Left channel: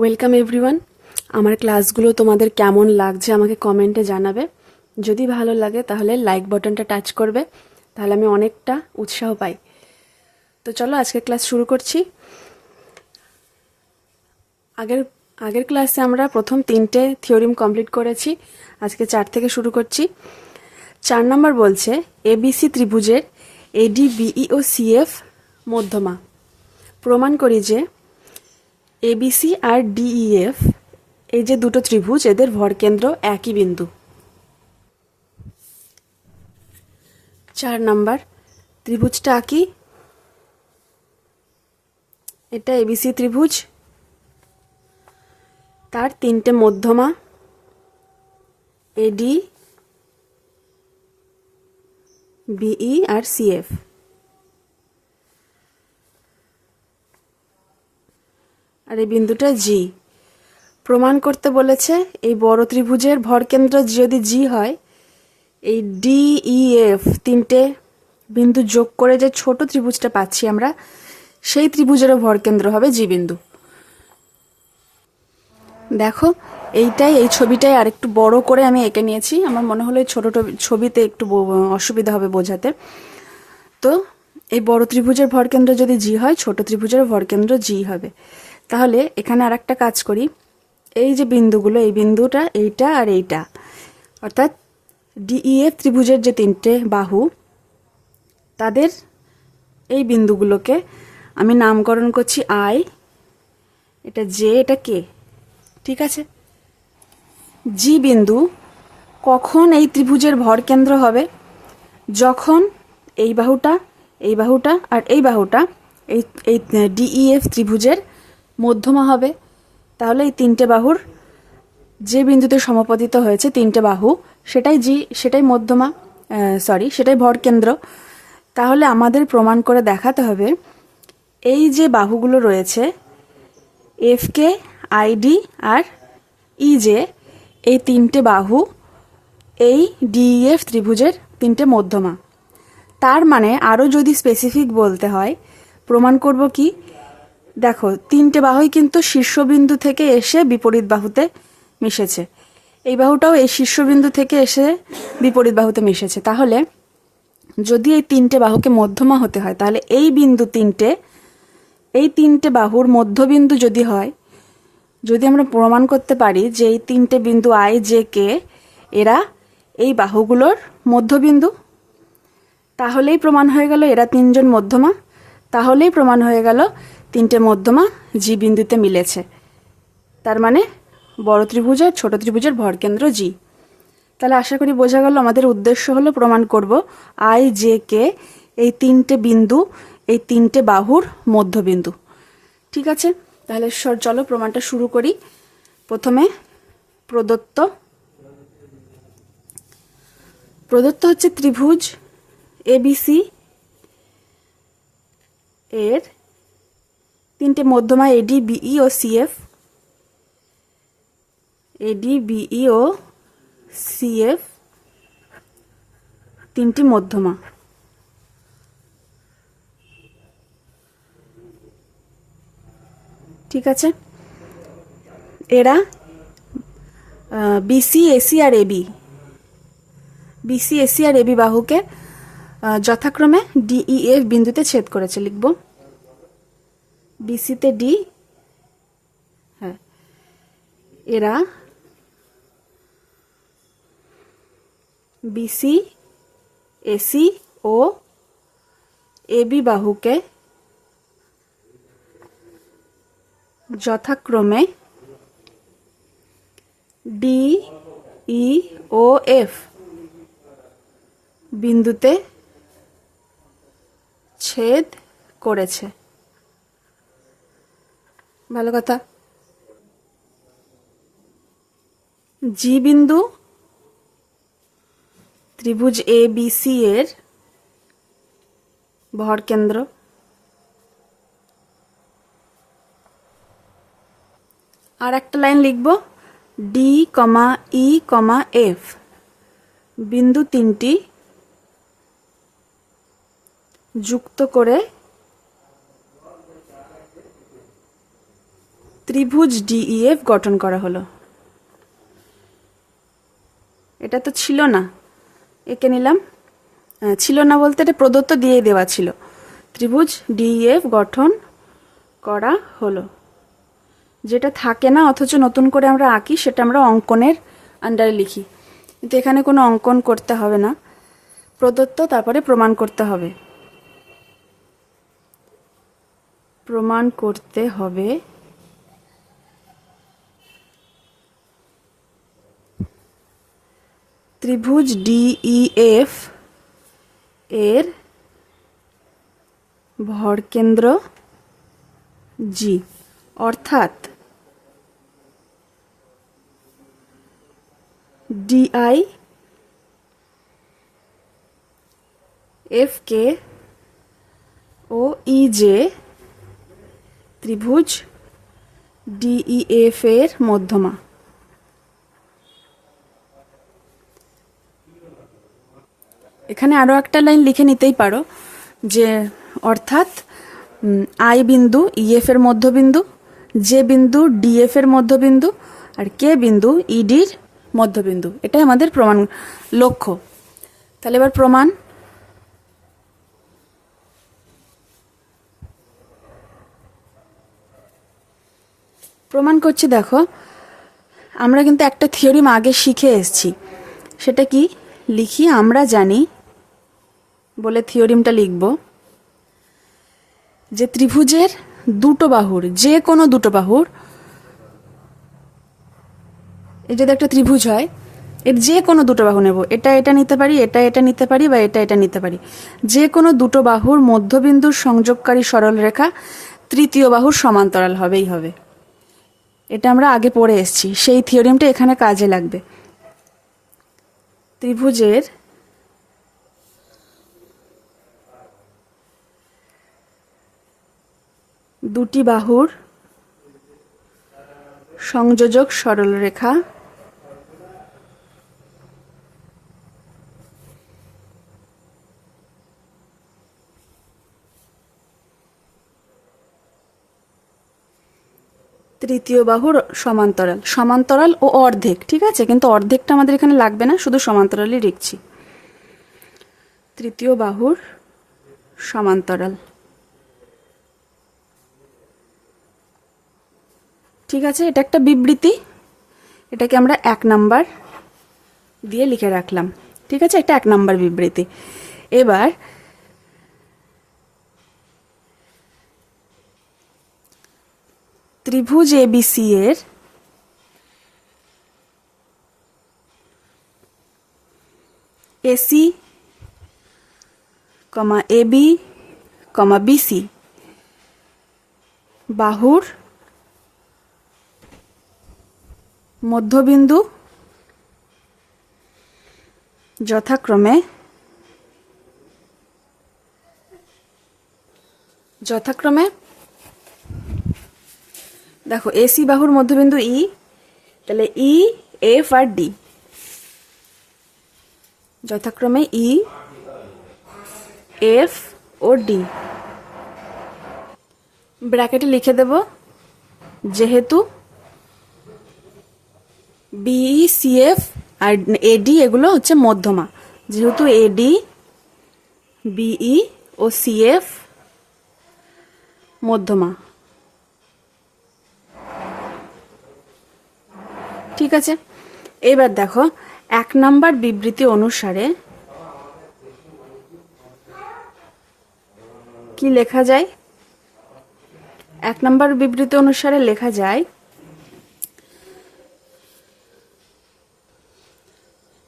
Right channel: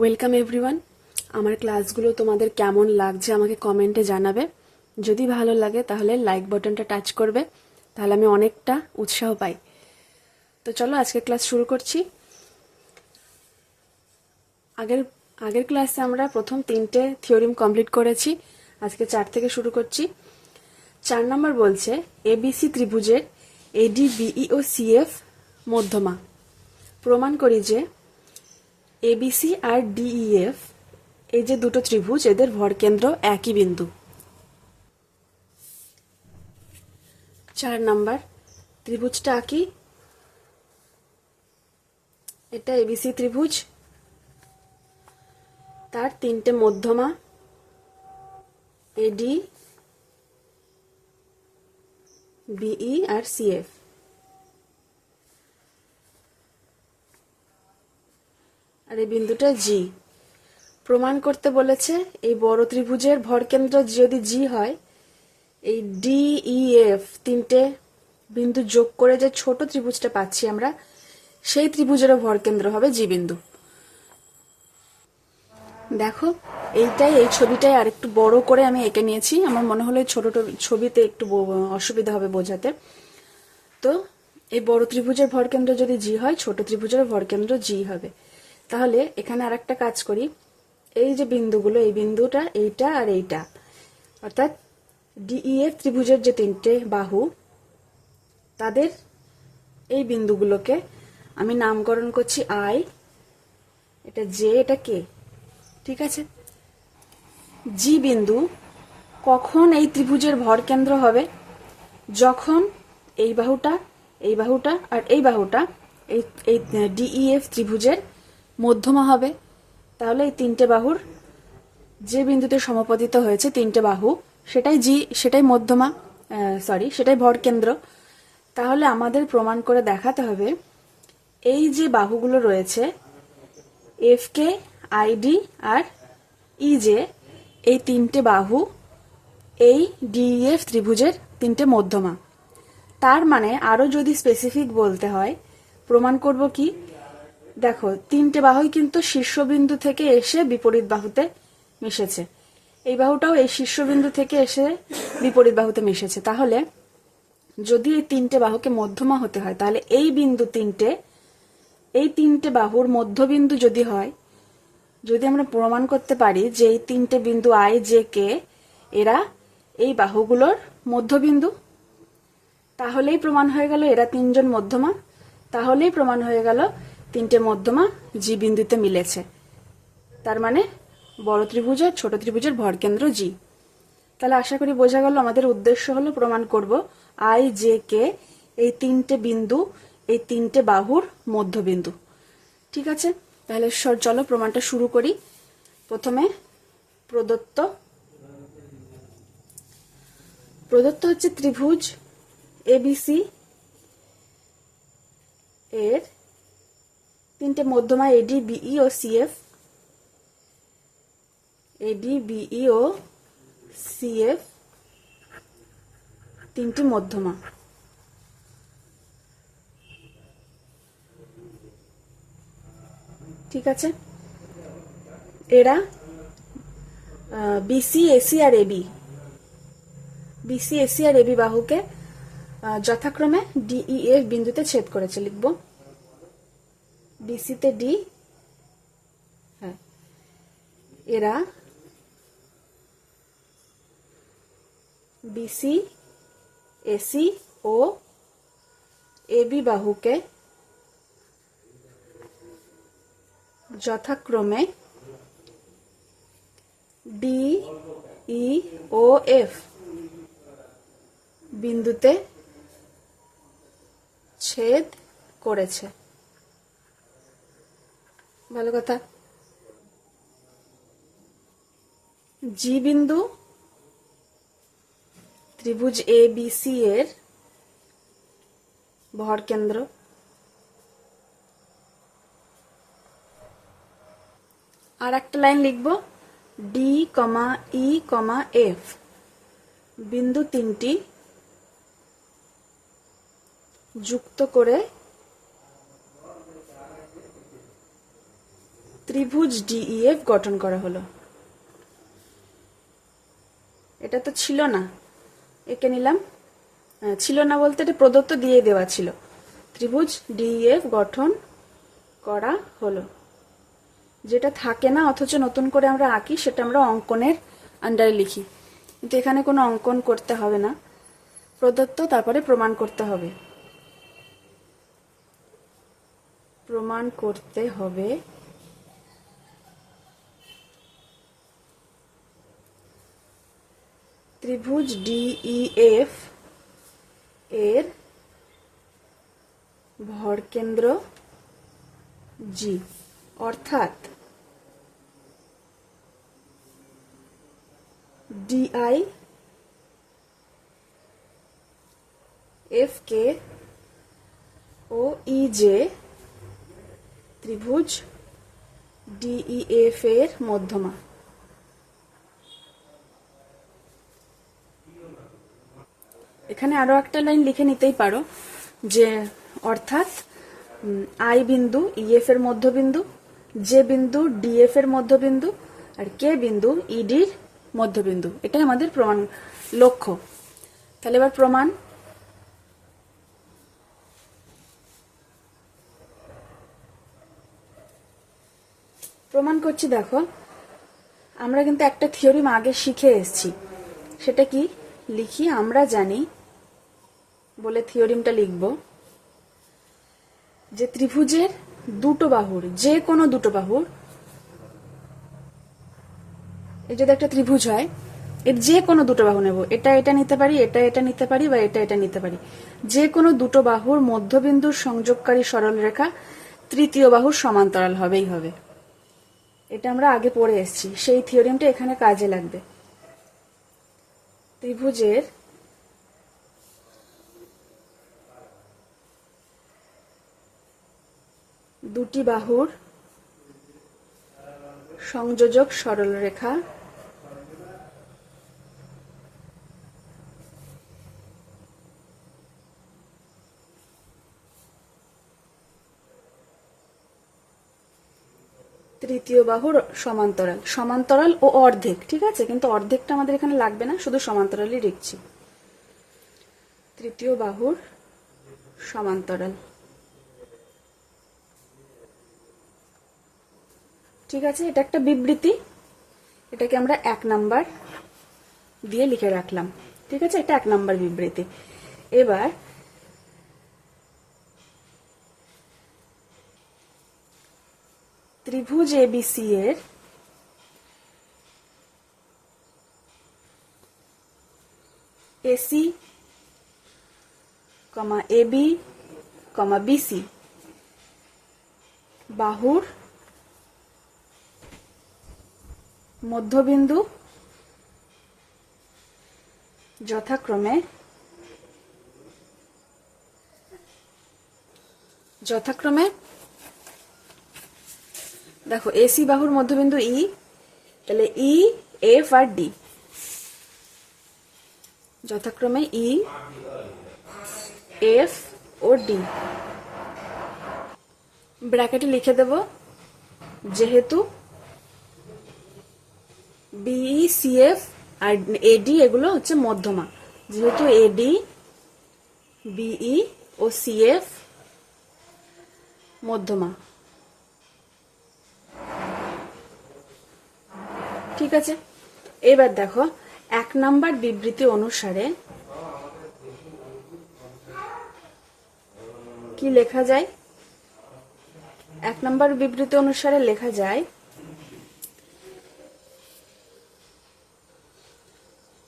Welcome everyone. আমার ক্লাসগুলো তোমাদের কেমন লাগছে আমাকে কমেন্টে জানাবে। যদি ভালো লাগে তাহলে লাইক বাটনটা টাচ করবে, তাহলে আমি অনেকটা উৎসাহ পাই। তো চলো আজকের ক্লাস শুরু করছি। আগের আগের ক্লাসে আমরা প্রথম 3টে থিওরিম কমপ্লিট করেছি, আজকে 4 থেকে শুরু করছি। 4 নম্বর বলছে এবিসি ত্রিভুজের এডি বিই ও সিএফ মধ্যমা। প্রমাণ করি যে এবিসি আর ডিইএফ এই যে দুটো ত্রিভুজ, এদের ভরকেন্দ্র একই বিন্দু। 4 নাম্বার ত্রিভুজটা আঁকি। এটা এবিসি ত্রিভুজ, তার 3টে মধ্যমা এডি বিই আর সিএফ। আর এই বিন্দুটা জি। প্রমাণ করতে বলেছে এই বড় ত্রিভুজের ভরকেন্দ্র যদি জি হয়, এই ডিইএফ 3টে বিন্দু যোগ করে যে ছোট ত্রিভুজটা পাচ্ছি আমরা, সেই ত্রিভুজেরও ভরকেন্দ্র হবে জি বিন্দু। দেখো এইটাই, এই ছবিটাই আর একটু বড় করে আমি এঁকে নিয়েছি। আমার মনে হলো এই ছোট ছবিতে একটু অসুবিধা হবে বোঝাতে। তো এই বড় ত্রিভুজের ভরকেন্দ্র যদি জি হয়, ছোট ত্রিভুজের ভরকেন্দ্র জি হবে। তাহলে এখানে আর একটা কাজ করি। এই যে বিন্দুগুলো, এই বিন্দুটা, এইটা আর এইটা, অর্থাৎ ডিইএফ ত্রিভুজের যে 3টে বাহু, তাদের এই বিন্দুগুলোকে আমি নামকরণ করছি আই, এটা জে, এটা কে। ঠিক আছে। জি বিন্দু কখন এই ত্রিভুজের ভরকেন্দ্র হবে? যখন এই বাহুটা, এই বাহুটা আর এই বাহুটা এই এই ডিইএফ ত্রিভুজের মধ্যমা হবে। তাহলে এই 3টে বাহুর যে বিন্দুতে সমাপতিত হয়েছে 3টে বাহু, সেটাই জি, সেটাই মধ্যমা, সেটাই ভরকেন্দ্র। তাহলে আমাদের প্রমাণ করে দেখাতে হবে এই যে বাহুগুলো রয়েছে এফ কে, আইডি আর ইজে, এই 3টে বাহু এই ডিইএফ ত্রিভুজের 3টে মধ্যমা। তার মানে আরও যদি স্পেসিফিক বলতে হয়, প্রমাণ করব কি, দেখো 3টে বাহুই কিন্তু শীর্ষবিন্দু থেকে এসে বিপরীত বাহুতে মিশেছে। এই বাহুটাও এই শীর্ষবিন্দু থেকে এসে বিপরীত বাহুতে মিশেছে। তাহলে যদি এই 3টে বাহুকে মধ্যমা হতে হয়, তাহলে এই বিন্দু 3টে, এই 3টে বাহুর মধ্যবিন্দু যদি হয়, যদি আমরা প্রমাণ করতে পারি যে এই 3টে বিন্দু আই জে কে এরা এই বাহুগুলোর মধ্যবিন্দু, তাহলেই প্রমাণ হয়ে গেল এরা 3জন মধ্যমা। তাহলেই প্রমাণ হয়ে গেল 3টে মধ্যমা জি বিন্দুতে মিলেছে। তার মানে বড় ত্রিভুজ আর ছোট ত্রিভুজের ভরকেন্দ্র জি। তাহলে আশা করি বোঝা গেল আমাদের উদ্দেশ্য হলো প্রমাণ করব আই জে কে এই 3টে বিন্দু, এই 3টে বাহুর মধ্যবিন্দু। ঠিক আছে, তাহলে চলো প্রমাণটা শুরু করি। প্রথমে প্রদত্ত হচ্ছে ত্রিভুজ এবিসি এর 3টে মধ্যমা এডি বিই ও সিএফ। এডি বিই ও সিএফ 3টি মধ্যমা। ঠিক আছে, এরা বিসি, এসি আর এবি, বিসি, এসি আর এবি বাহুকে যথাক্রমে ডিইএফ বিন্দুতে ছেদ করেছে। লিখব বিসিতে ডি, হ্যাঁ, এরা বিসি, এসি ও এবি বাহুকে যথাক্রমে ডি ই ও এফ বিন্দুতে ছেদ করেছে। ভালো কথা। জি বিন্দু ত্রিভুজ এ বি সি এর ভরকেন্দ্র। আর একটা লাইন লিখব, ডি কমা ই কমা এফ বিন্দু 3টি যুক্ত করে ত্রিভুজ ডিইএফ গঠন করা হলো। এটা তো ছিল না, এঁকে নিলাম। ছিল না বলতে এটা প্রদত্ত দিয়ে দেওয়া ছিল। ত্রিভুজ ডিইএফ গঠন করা হলো। যেটা থাকে না অথচ নতুন করে আমরা আঁকি, সেটা আমরা অঙ্কনের আন্ডারে লিখি, কিন্তু এখানে কোনো অঙ্কন করতে হবে না, প্রদত্ত তারপরে প্রমাণ করতে হবে। প্রমাণ করতে হবে ত্রিভুজ ডিইএফ এর ভরকেন্দ্র জি, অর্থাৎ ডিআই এফ কে ও ইজে ত্রিভুজ ডিইএফ এর মধ্যমা। এখানে আরো একটা লাইন লিখে নিতেই পারো যে অর্থাৎ আই বিন্দু ইএফ এর মধ্যবিন্দু, জে বিন্দু ডিএফ এর মধ্যবিন্দু, আর কে বিন্দু ইডির মধ্যবিন্দু। এটাই আমাদের প্রমাণ লক্ষ্য। তাহলে এবার প্রমাণ। প্রমাণ করছি, দেখো আমরা কিন্তু একটা থিওরিম আগে শিখে এসেছি। সেটা কি লিখি, আমরা জানি বলে থিওরিমটা লিখব যে ত্রিভুজের দুটো বাহুর, যে কোনো দুটো বাহুর, এই যদি একটা ত্রিভুজ হয় এর যে কোনো দুটো বাহু নেব, এটা এটা নিতে পারি, এটা এটা নিতে পারি, বা এটা এটা নিতে পারি, যে কোনো দুটো বাহুর মধ্যবিন্দুর সংযোগকারী সরলরেখা তৃতীয় বাহুর সমান্তরাল হবেই হবে। এটা আমরা আগে পড়ে এসেছি, সেই থিওরিমটা এখানে কাজে লাগবে। ত্রিভুজের দুটি বাহুর সংযোজক সরলরেখা তৃতীয় বাহুর সমান্তরাল। সমান্তরাল ও অর্ধেক, ঠিক আছে, কিন্তু অর্ধেকটা আমাদের এখানে লাগবে না, শুধু সমান্তরালই লিখছি। তৃতীয় বাহুর সমান্তরাল, ঠিক আছে। এটা একটা বিবৃতি, এটাকে আমরা 1 নাম্বার দিয়ে লিখে রাখলাম, ঠিক আছে, এটা 1 নাম্বার বিবৃতি। এবার ত্রিভুজ এবিসি এর এসি কমা এবি কমা বিসি বাহুর মধ্যবিন্দু যথাক্রমে দেখো এসি বাহুর মধ্যবিন্দু ই, তাহলে ই এফ আর ডি, যথাক্রমে ই এফ ও ডি। ব্র্যাকেটে লিখে দেব যেহেতু বিই সিএফ আর এডি এগুলো হচ্ছে মধ্যমা, যেহেতু এডি বিই ও সিএফ মধ্যমা, ঠিক আছে। এবার দেখো 1 নাম্বার বিবৃতি অনুসারে কি লেখা যায়। 1 নাম্বার বিবৃতি অনুসারে লেখা যায়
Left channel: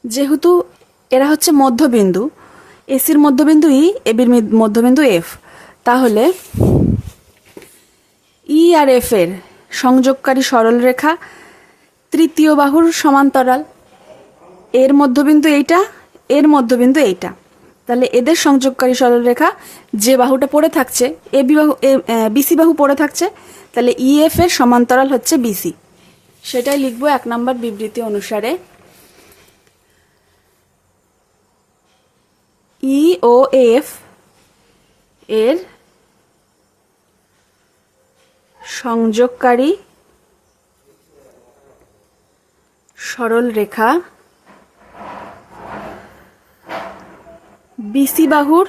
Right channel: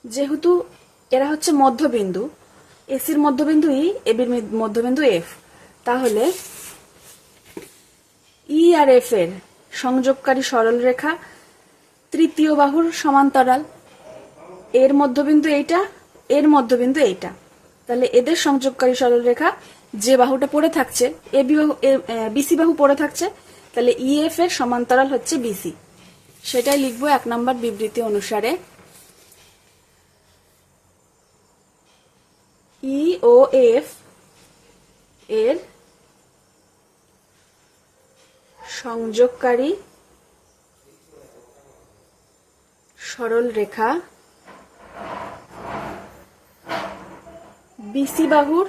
যেহেতু এরা হচ্ছে মধ্যবিন্দু, এসির মধ্যবিন্দু ই, এবির মধ্যবিন্দু এফ, তাহলে ই আর এফ এর সংযোগকারী সরলরেখা তৃতীয় বাহুর সমান্তরাল। এর মধ্যবিন্দু এইটা, এর মধ্যবিন্দু এইটা, তাহলে এদের সংযোগকারী সরলরেখা যে বাহুটা পড়ে থাকছে, এবি বাহু বিসি বাহু পড়ে থাকছে, তাহলে ইএফ এর সমান্তরাল হচ্ছে বিসি। সেটাই লিখবো 1 নাম্বার বিবৃতি অনুসারে। ই ও এফ এর সংযোগকারী সরল রেখা বিসি বাহুর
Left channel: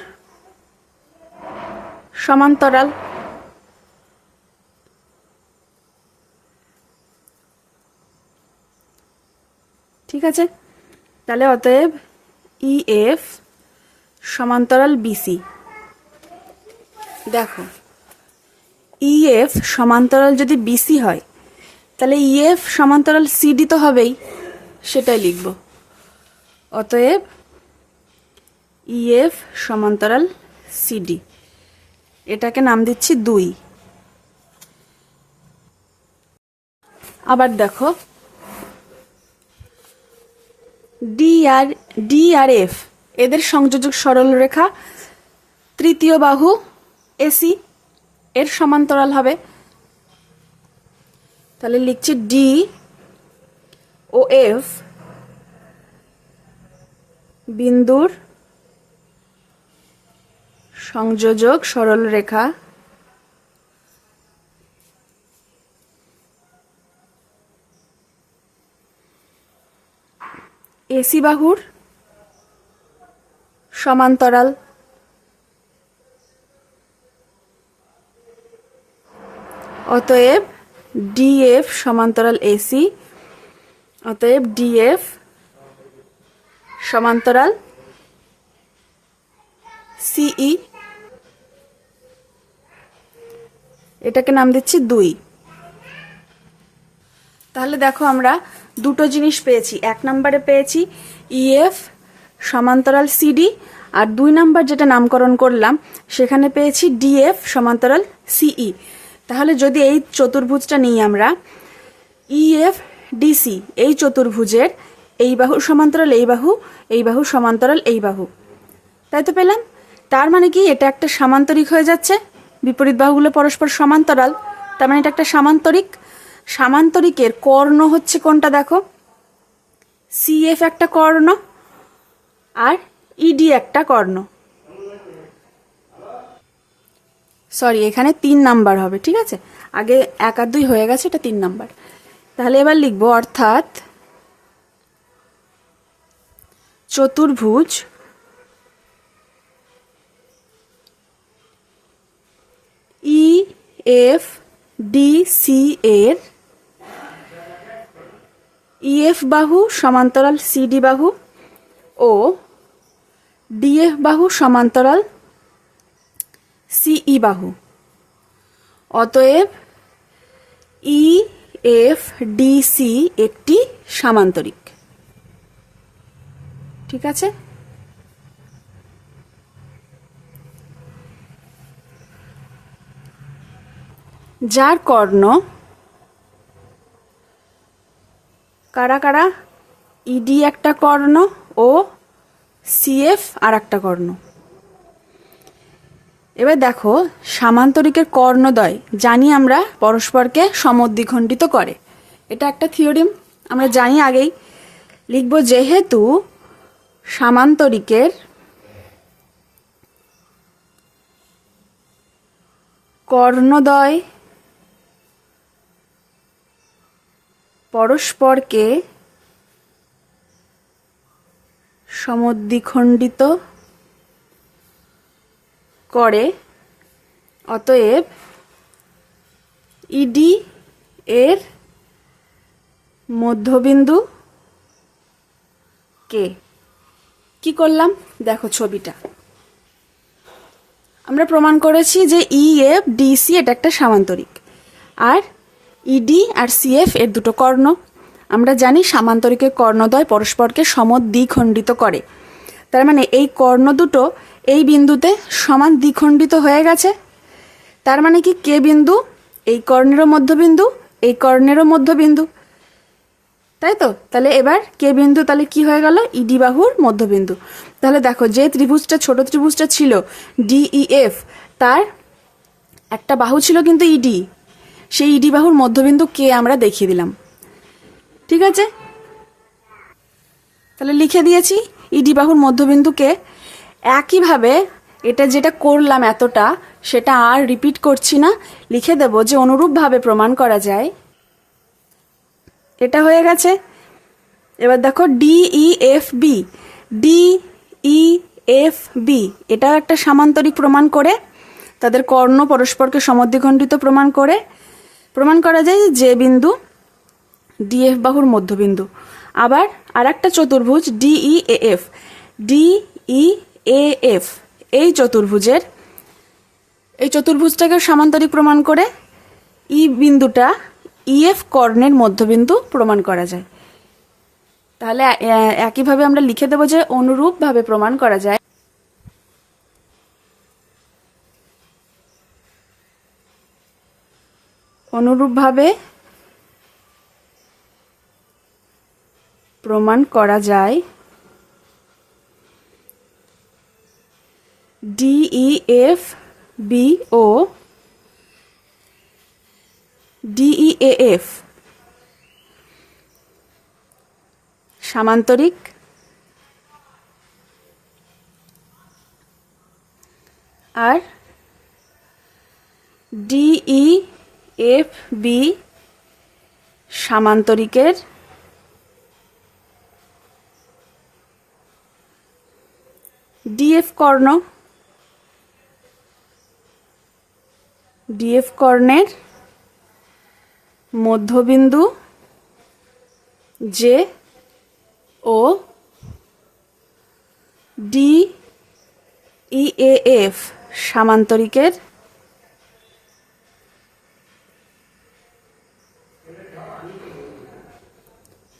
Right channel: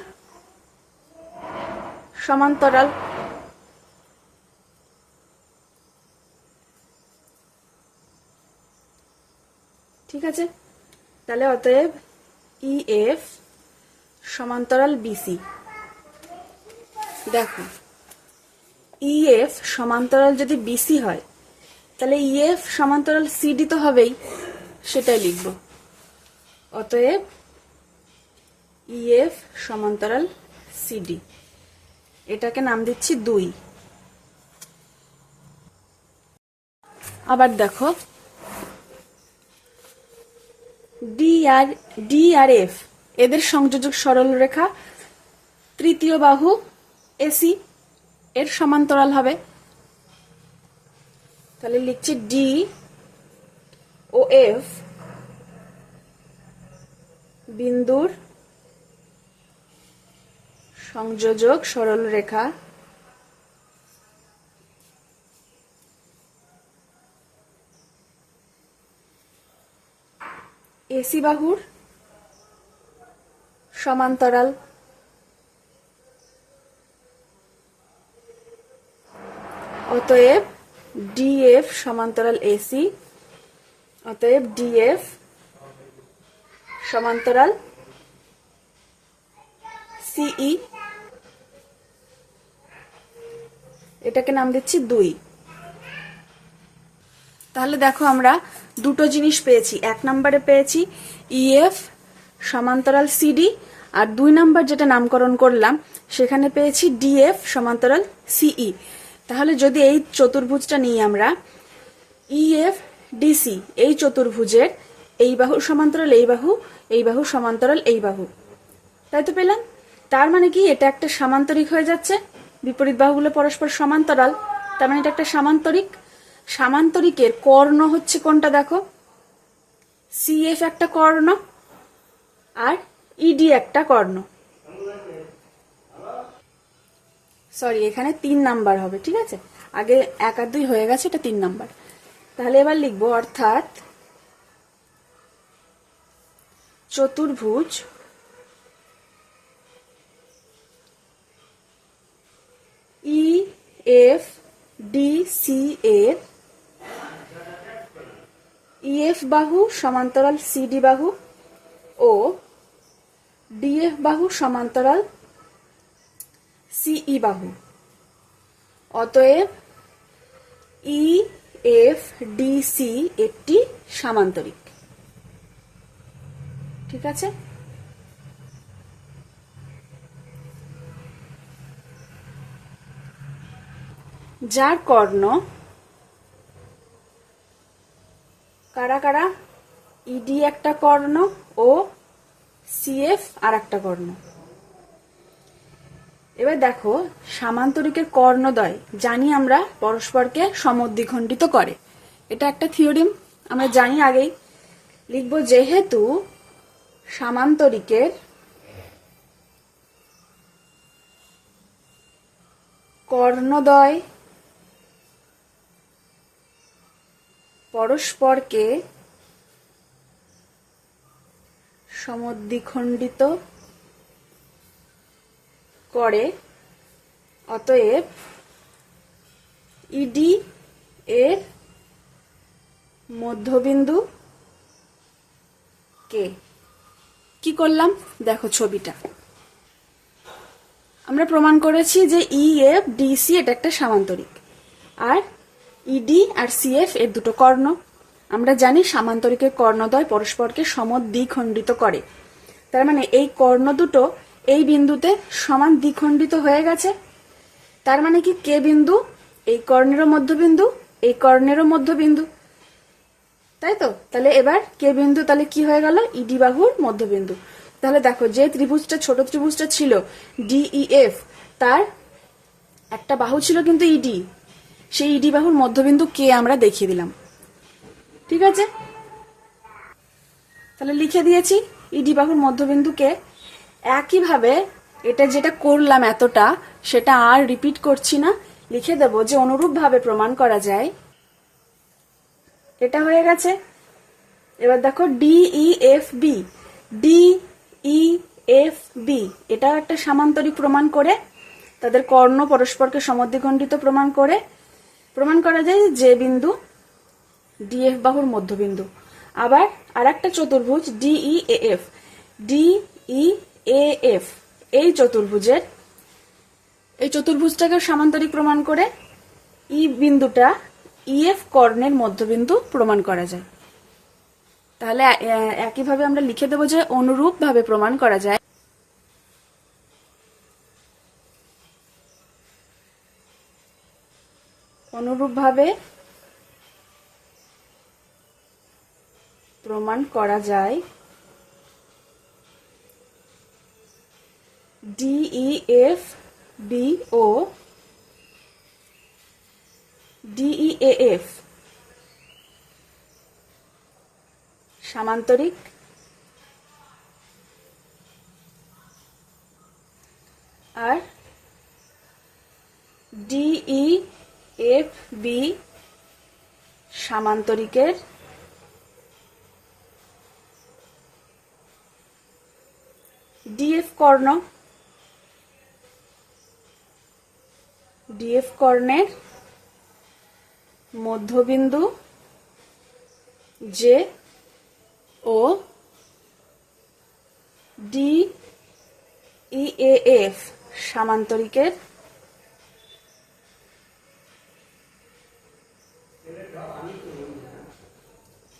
সমান্তরাল। ঠিক আছে, তাহলে অতএব ইএফ সমান্তরাল বিসি। দেখো ইএফ সমান্তরাল যদি বিসি হয় তাহলে ইএফ সমান্তরাল সিডি তো হবেই, সেটাই লিখব। অতএব ইএফ সমান্তরাল সিডি, এটাকে নাম দিচ্ছি 2। আবার দেখো ডি আর এফ এদের সংযোজক সরল রেখা তৃতীয় বাহু এসি এর সমান্তরাল হবে। তাহলে লিখছি ডি ও এফ বিন্দুর সংযোজক সরল রেখা এসি বাহুর সমান্তরাল। অতএব ডিএফ সমান্তরাল এসি, অতএব ডিএফ সমান্তরাল সিই, এটাকে নাম দিচ্ছি 2। তাহলে দেখো আমরা দুটো জিনিস পেয়েছি। 1 নম্বরে পেয়েছি ইএফ সমান্তরাল সিডি, আর 2 নম্বর যেটা নামকরণ করলাম সেখানে পেয়েছি ডিএফ সমান্তরাল সিই। তাহলে যদি এই চতুর্ভুজটা নিই আমরা, ইএফ ডিসি এই চতুর্ভুজের এই বাহু সমান্তরাল এই বাহু, এই বাহু সমান্তরাল এই বাহু, তাই তো পেলাম। তার মানে কি এটা একটা সামান্তরিক হয়ে যাচ্ছে, বিপরীত বাহুগুলো পরস্পর সমান্তরাল, তার মানে এটা একটা সামান্তরিক। সামান্তরিকের কর্ণ হচ্ছে কোনটা দেখো, সিএফ একটা কর্ণ আর ইডি একটা কর্ণ। সরি, এখানে 3 নাম্বার হবে, ঠিক আছে, আগে 1 আর 2 হয়ে গেছে, এটা 3 নাম্বার। তাহলে এবার লিখবো অর্থাৎ চতুর্ভুজ ই এফ ডি সি এর ইএফ বাহু সমান্তরাল সিডি বাহু ও ডিএফ বাহু সমান্তরাল সিই বাহু। অতএব ই এফ ডিসি একটি সামান্তরিক। ঠিক আছে, যার কর্ণ কারা কারা, ইডি একটা কর্ণ ও সিএফ আর একটা কর্ণ। এবার দেখো সামান্তরিকের কর্ণদ্বয় জানি আমরা পরস্পরকে সমদ্বিখণ্ডিত করে, এটা একটা থিওরেম আমরা জানি আগেই। লিখব যেহেতু সামান্তরিকের কর্ণদ্বয় পরস্পরকে সমদ্বিখণ্ডিত করে, অতএব ইডি এর মধ্যবিন্দু কে। কি করলাম দেখো ছবিটা, আমরা প্রমাণ করেছি যে ইএফ ডিসি এটা একটা সামান্তরিক, আর ইডি আর সিএফ এর দুটো কর্ণ। আমরা জানি সামান্তরিকের কর্ণদ্বয় পরস্পরকে সমদ্বিখণ্ডিত করে, তার মানে এই কর্ণ দুটো এই বিন্দুতে সমান দ্বিখণ্ডিত হয়ে গেছে। তার মানে কি কে বিন্দু এই কর্ণেরও মধ্যবিন্দু, এই কর্ণেরও মধ্যবিন্দু, তাই তো। তাহলে এবার কে বিন্দু তাহলে কি হয়ে গেল, ইডি বাহুর মধ্যবিন্দু। তাহলে দেখো যে ত্রিভুজটা ছোট ত্রিভুজটা ছিল ডিইএফ, তার একটা বাহু ছিল কিন্তু ইডি, সেই ইডি বাহুর মধ্যবিন্দু কে আমরা দেখিয়ে দিলাম। ঠিক আছে, তাহলে লিখে দিয়েছি ইডি বাহুর মধ্যবিন্দু কে। একইভাবে এটা যেটা করলাম এতটা, সেটা আর রিপিট করছি না, লিখে দেব যে অনুরূপভাবে প্রমাণ করা যায়। এটা হয়ে গেছে এবার দেখো DEFB, DEFB এটাও একটা সামান্তরিক প্রমাণ করে, তাদের কর্ণ পরস্পরকে সমদ্বিখণ্ডিত প্রমাণ করা যায় যে বিন্দু DF বাহুর মধ্যবিন্দু। আবার আর একটা চতুর্ভুজ DEAF, DEAF এই চতুর্ভুজটাকে সামান্তরিক প্রমাণ করে ই বিন্দুটা EF কর্ণের মধ্যবিন্দু প্রমাণ করা যায়। তাহলে একইভাবে আমরা লিখে দেব যে অনুরূপভাবে প্রমাণ করা যায়। অনুরূপভাবে প্রমাণ করা যায় DEFB ও DEAF সামান্তরিক, আর DEFB সামান্তরিকের DF কর্ণের মধ্যবিন্দু যে ও DEAF সামান্তরিকের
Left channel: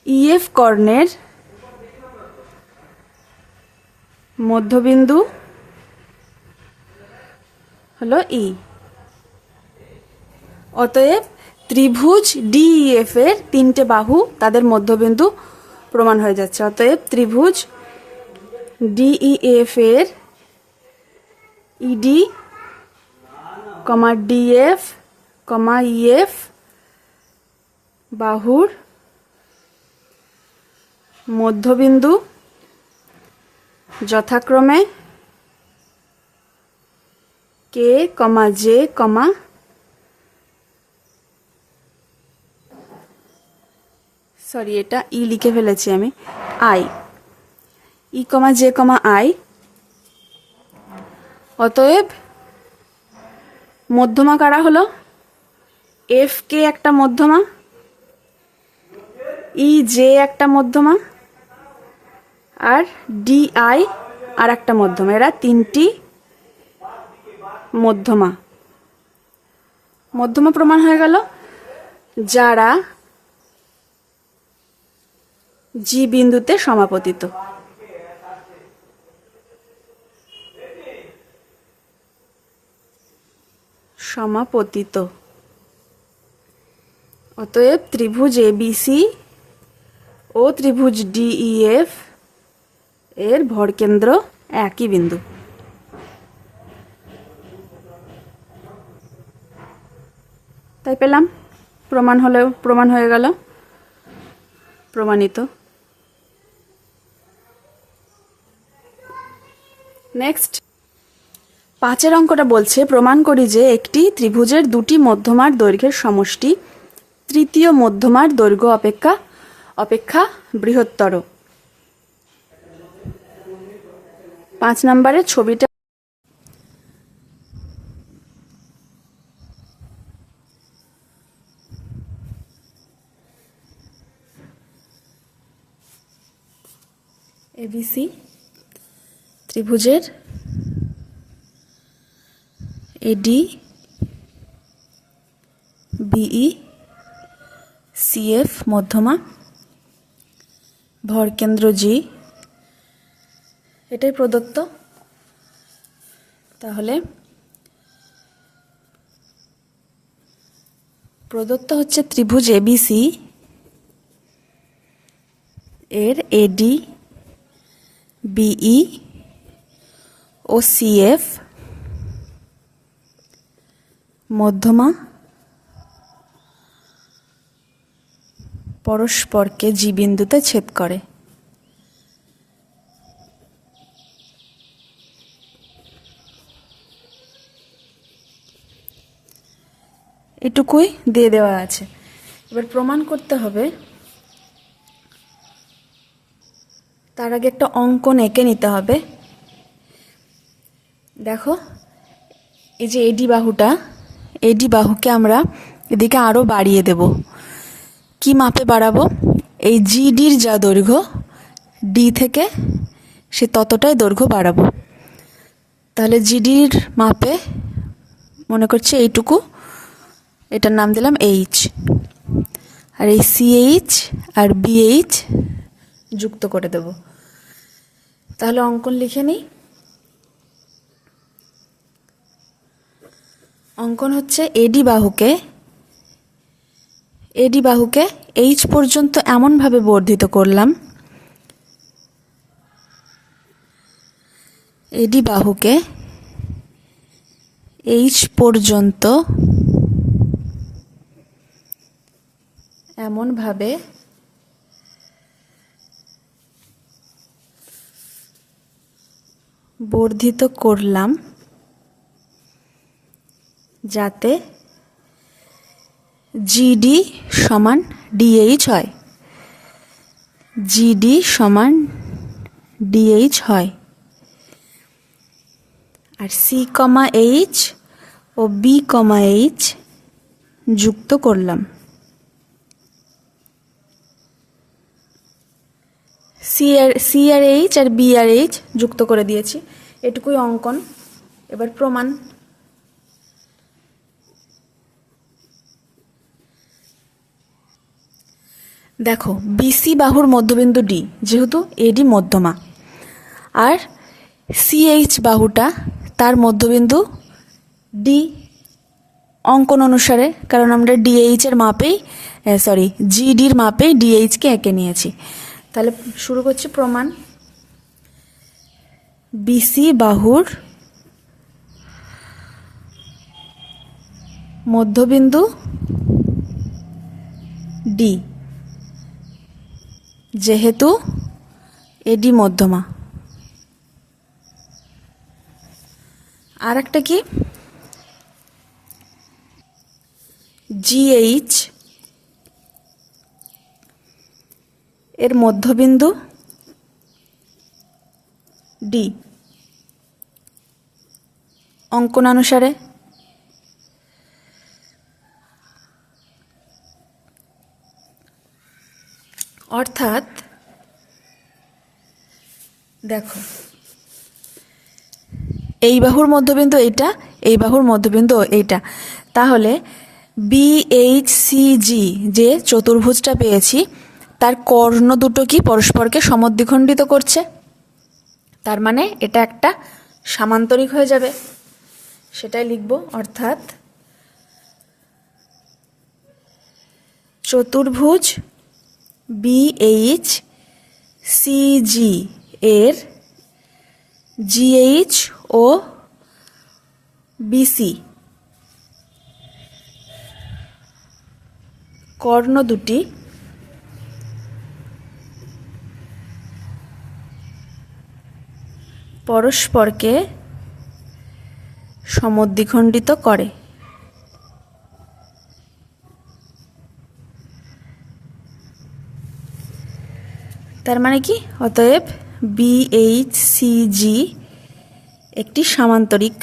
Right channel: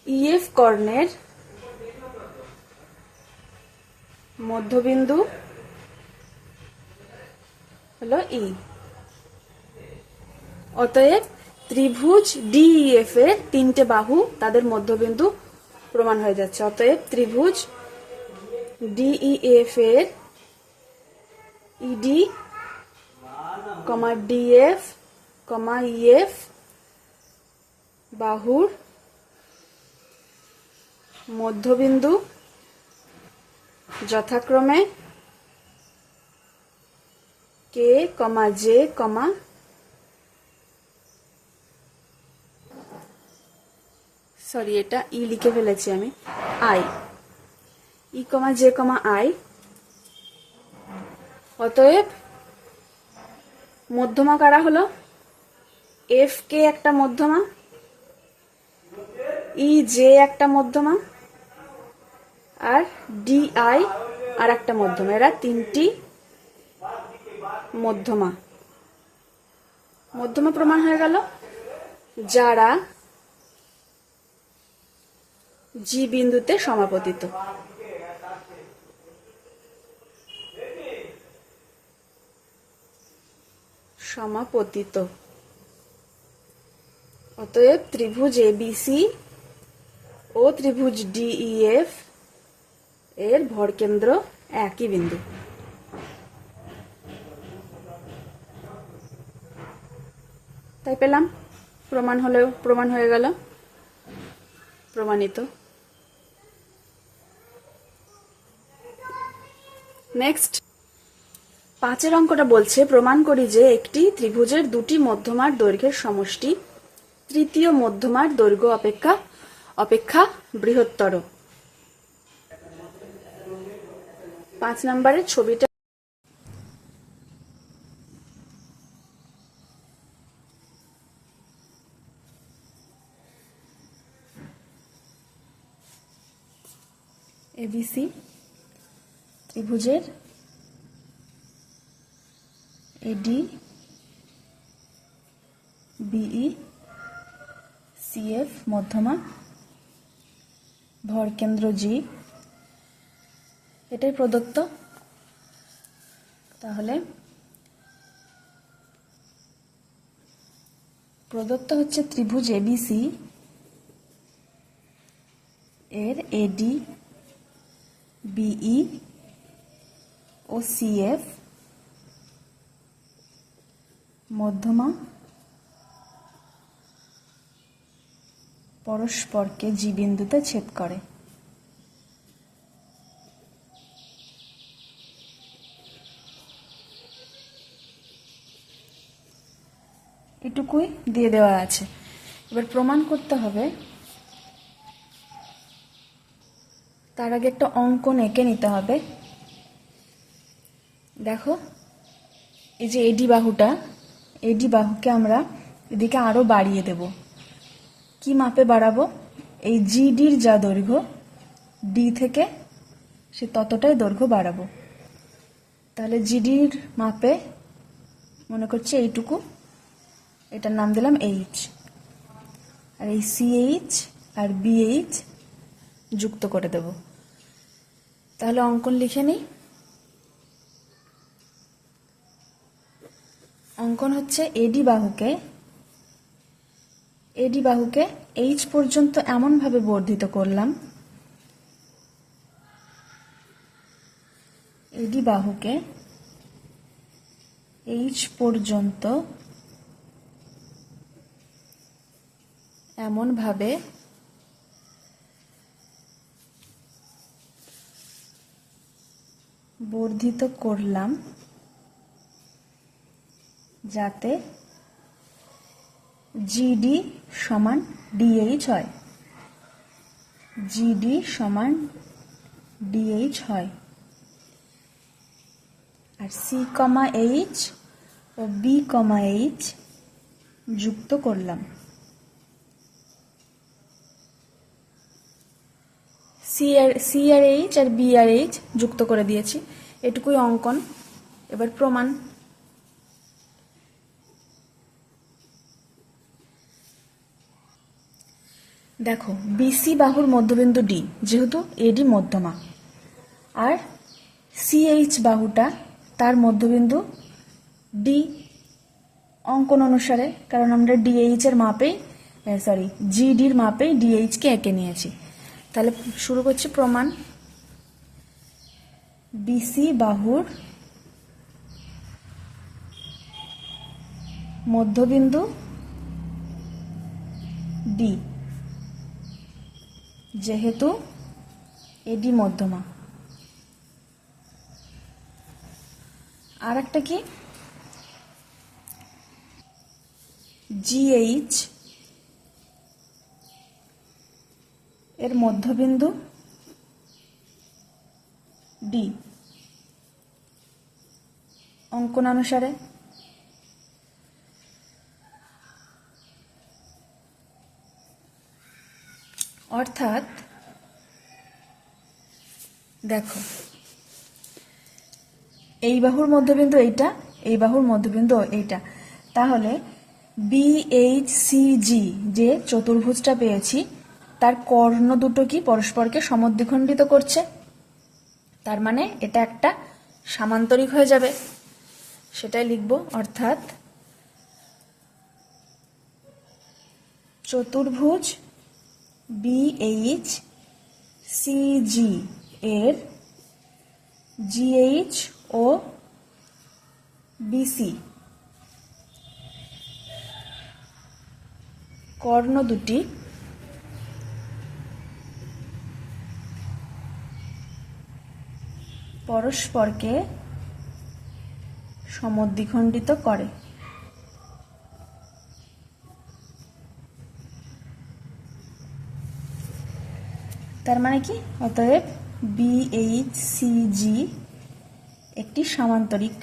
EF কর্ণের মধ্যবিন্দু হলো E। অতএব ত্রিভুজ DEF এর তিনটে বাহু তাদের মধ্যবিন্দু প্রমাণ হয়ে যাচ্ছে। অতএব ত্রিভুজ DEF এর ED, DF, EF বাহুর মধ্যবিন্দু যথাক্রমে K, J, এটা ই লিখে ফেলেছি আমি, I, E, J, I। অতএব মধ্যমা কারা হলো? FK একটা মধ্যমা, EJ একটা মধ্যমা, আর DI আর একটা মধ্যমা। এরা তিনটি মধ্যমা প্রমাণ হয়ে গেল, যারা G বিন্দুতে সমাপতিত। অতএব ত্রিভুজ ABC ও ত্রিভুজ DEF এর ভরকেন্দ্র একই বিন্দু। তাই পেলাম, প্রমাণ হয়ে গেল, প্রমাণিত। নেক্সট 5 অঙ্কটা বলছে, প্রমাণ করি যে একটি ত্রিভুজের দুটি মধ্যমার দৈর্ঘ্যের সমষ্টি তৃতীয় মধ্যমার দৈর্ঘ্য অপেক্ষা বৃহত্তর। 5 নম্বরের ছবিটা ABC ত্রিভুজের AD, BE, CF মধ্যমা, ভরকেন্দ্র G, এটাই প্রদত্ত। তাহলে প্রদত্ত হচ্ছে ত্রিভুজ ABC এর AD, BE ও CF মধ্যমা পরস্পরকে G বিন্দুতে ছেদ করে। এটুকুই দিয়ে দেওয়া আছে। এবার প্রমাণ করতে হবে তার আগে একটা অঙ্কন এঁকে নিতে হবে। দেখো, এই যে এডি বাহুটা, এডি বাহুকে আমরা এদিকে আরও বাড়িয়ে দেব। কি মাপে বাড়াবো? এই জিডির যা দৈর্ঘ্য, ডি থেকে সে ততটাই দৈর্ঘ্য বাড়াবো। তাহলে জিডির মাপে মনে করছি এইটুকু, এটার নাম দিলাম এইচ, আর এই সিএইচ আর বিএইচ যুক্ত করে দেব। তাহলে অঙ্কন লিখে নিই। অঙ্কন হচ্ছে এডি বাহুকে এইচ পর্যন্ত এমনভাবে বর্ধিত করলাম, এডি বাহুকে এইচ পর্যন্ত এমনভাবে বর্ধিত করলাম যাতে জিডি সমান ডিএইচ হয়, জিডি সমান ডিএইচ হয়। আর সি কমা এইচ ও বি কমা এইচ যুক্ত করলাম। সি আর এইচ আর বি আর এইচ যুক্ত করে দিয়েছি, এটুকুই অঙ্কন। এবার প্রমাণ। দেখো, বিসি বাহুর মধ্যবিন্দু ডি, যেহেতু এডি মধ্যমা, আর সিএইচ বাহুটা তার মধ্যবিন্দু ডি অঙ্কন অনুসারে, কারণ আমরা ডিএইচ এর মাপেই জিডির মাপেই ডিএইচকে এঁকে নিয়েছি। তাহলে শুরু করছি প্রমাণ। বিসি বাহুর মধ্যবিন্দু ডি, যেহেতু এডি মধ্যমা। আর একটা কি, জিএইচ এর মধ্যবিন্দু ডি অঙ্কনানুসারে, অর্থাৎ দেখো, এই বাহুর মধ্যবিন্দু এইটা, এই বাহুর মধ্যবিন্দু এইটা। তাহলে বিএইচসিজি যে চতুর্ভুজটা পেয়েছি, তার কর্ণ দুটো কি পরস্পরকে সমদ্বিখণ্ডিত করছে। তার মানে এটা একটা সামান্তরিক হয়ে যাবে, সেটাই লিখব। অর্থাৎ চতুর্ভুজ বিএইচসিজি এর জিএইচ ও বিসি কর্ণ দুটি পরস্পরকে সমদ্বিখণ্ডিত করে। তার মানে কি? অতএব বিএইচসিজি একটি সামান্তরিক।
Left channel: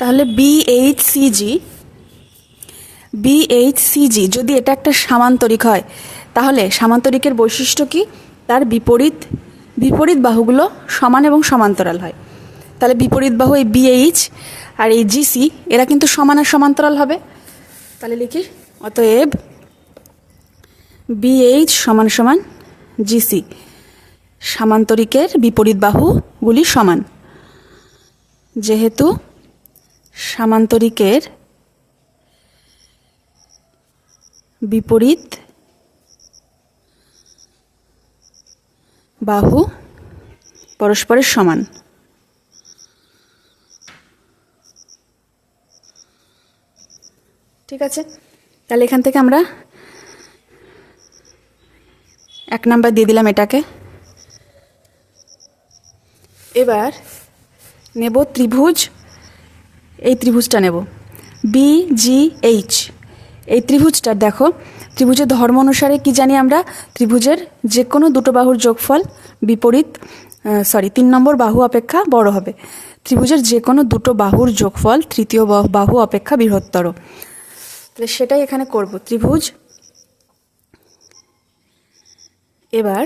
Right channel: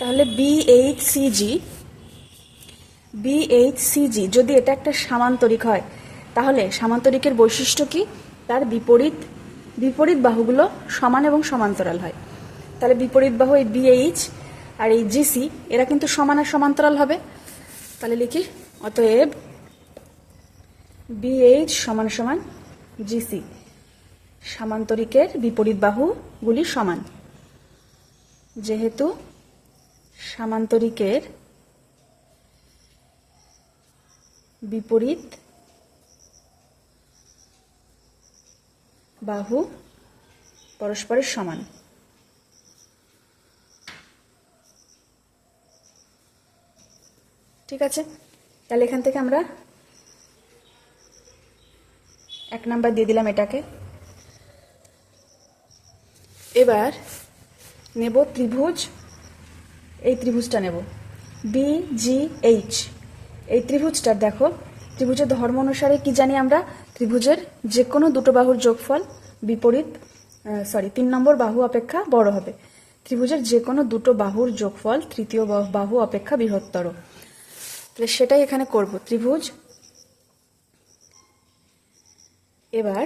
তাহলে বিএইচসিজি যদি এটা একটা সামান্তরিক হয়, তাহলে সামান্তরিকের বৈশিষ্ট্য কি? তার বিপরীত বাহুগুলো সমান এবং সমান্তরাল হয়। তাহলে বিপরীত বাহু এই বিএইচ আর এই জিসি এরা কিন্তু সমান আর সমান্তরাল হবে। তাহলে লিখি, অতএব বিএইচ সমান সমান জিসি, সামান্তরিকের বিপরীত বাহুগুলি সমান। যেহেতু সামান্তরিকের বিপরীত বাহু পরস্পরের সমান, ঠিক আছে। তাহলে এখান থেকে আমরা 1 নাম্বার দিয়ে দিলাম এটাকে। এবার নেব ত্রিভুজ, এই ত্রিভুজটা নেব BGH এই ত্রিভুজটার দেখো, ত্রিভুজের ধর্ম অনুসারে কি জানি আমরা, ত্রিভুজের যে কোনো দুটো বাহুর যোগফল বিপরীত 3 নম্বর বাহু অপেক্ষা বড় হবে। ত্রিভুজের যে কোনো দুটো বাহুর যোগফল তৃতীয় বাহু অপেক্ষা বৃহত্তর। তাহলে সেটাই এখানে করব। ত্রিভুজ, এবার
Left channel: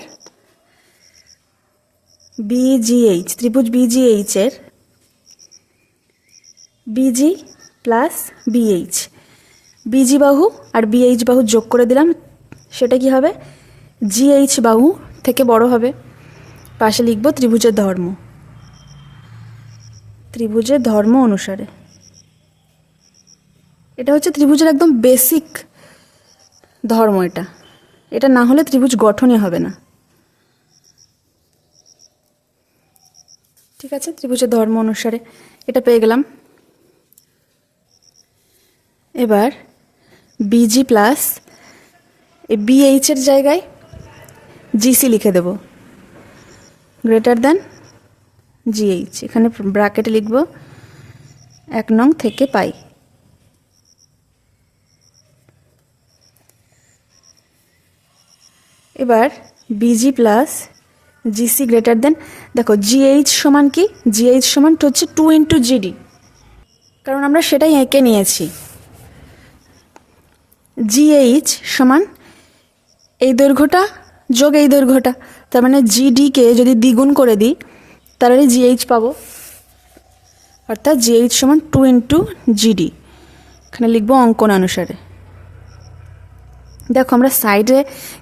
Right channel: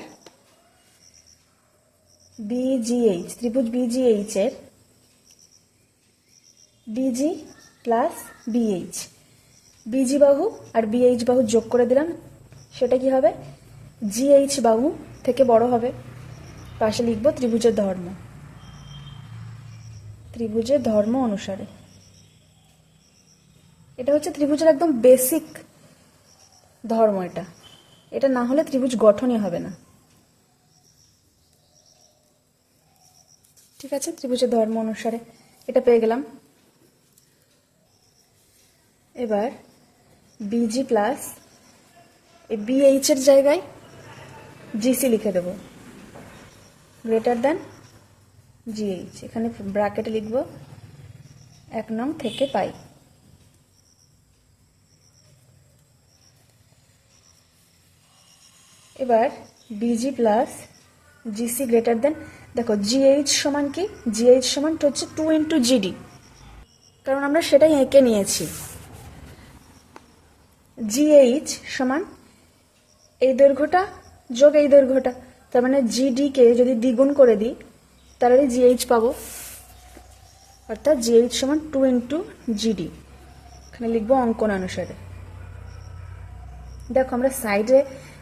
BGH, ত্রিভুজ BGH এর BG প্লাস BH, BG বাহু আর BH বাহু যোগ করে দিলাম, সেটা কি হবে, GH বাহু থেকে বড় হবে। পাশে লিখব ত্রিভুজের ধর্ম, ত্রিভুজের ধর্ম অনুসারে। এটা হচ্ছে ত্রিভুজের একদম বেসিক ধর্ম, এটা এটা না হলে ত্রিভুজ গঠনই হবে না। ঠিক আছে, ত্রিভুজের ধর্ম অনুসারে এটা পেয়ে গেলাম। এবার BG প্লাস এই BH এর জায়গায় GC লিখে দেব, গ্রেটার দেন GH। এখানে ব্র্যাকেটে লিখব 1 নং থেকে পাই। এবার BG plus GC greater than, দেখো GH সমান কি, GH সমান হচ্ছে 2 ইন্টু GD, কারণ আমরা সেটাই এঁকে নিয়েছি। GH সমান এই দৈর্ঘ্যটা যোগ এই দৈর্ঘ্যটা, তার মানে GD-কে যদি দ্বিগুণ করে দিই তাহলে GH পাবো, অর্থাৎ GH সমান 2 ইন্টু GD। এখানে লিখবো অঙ্কন অনুসারে। দেখো আমরা সাইডে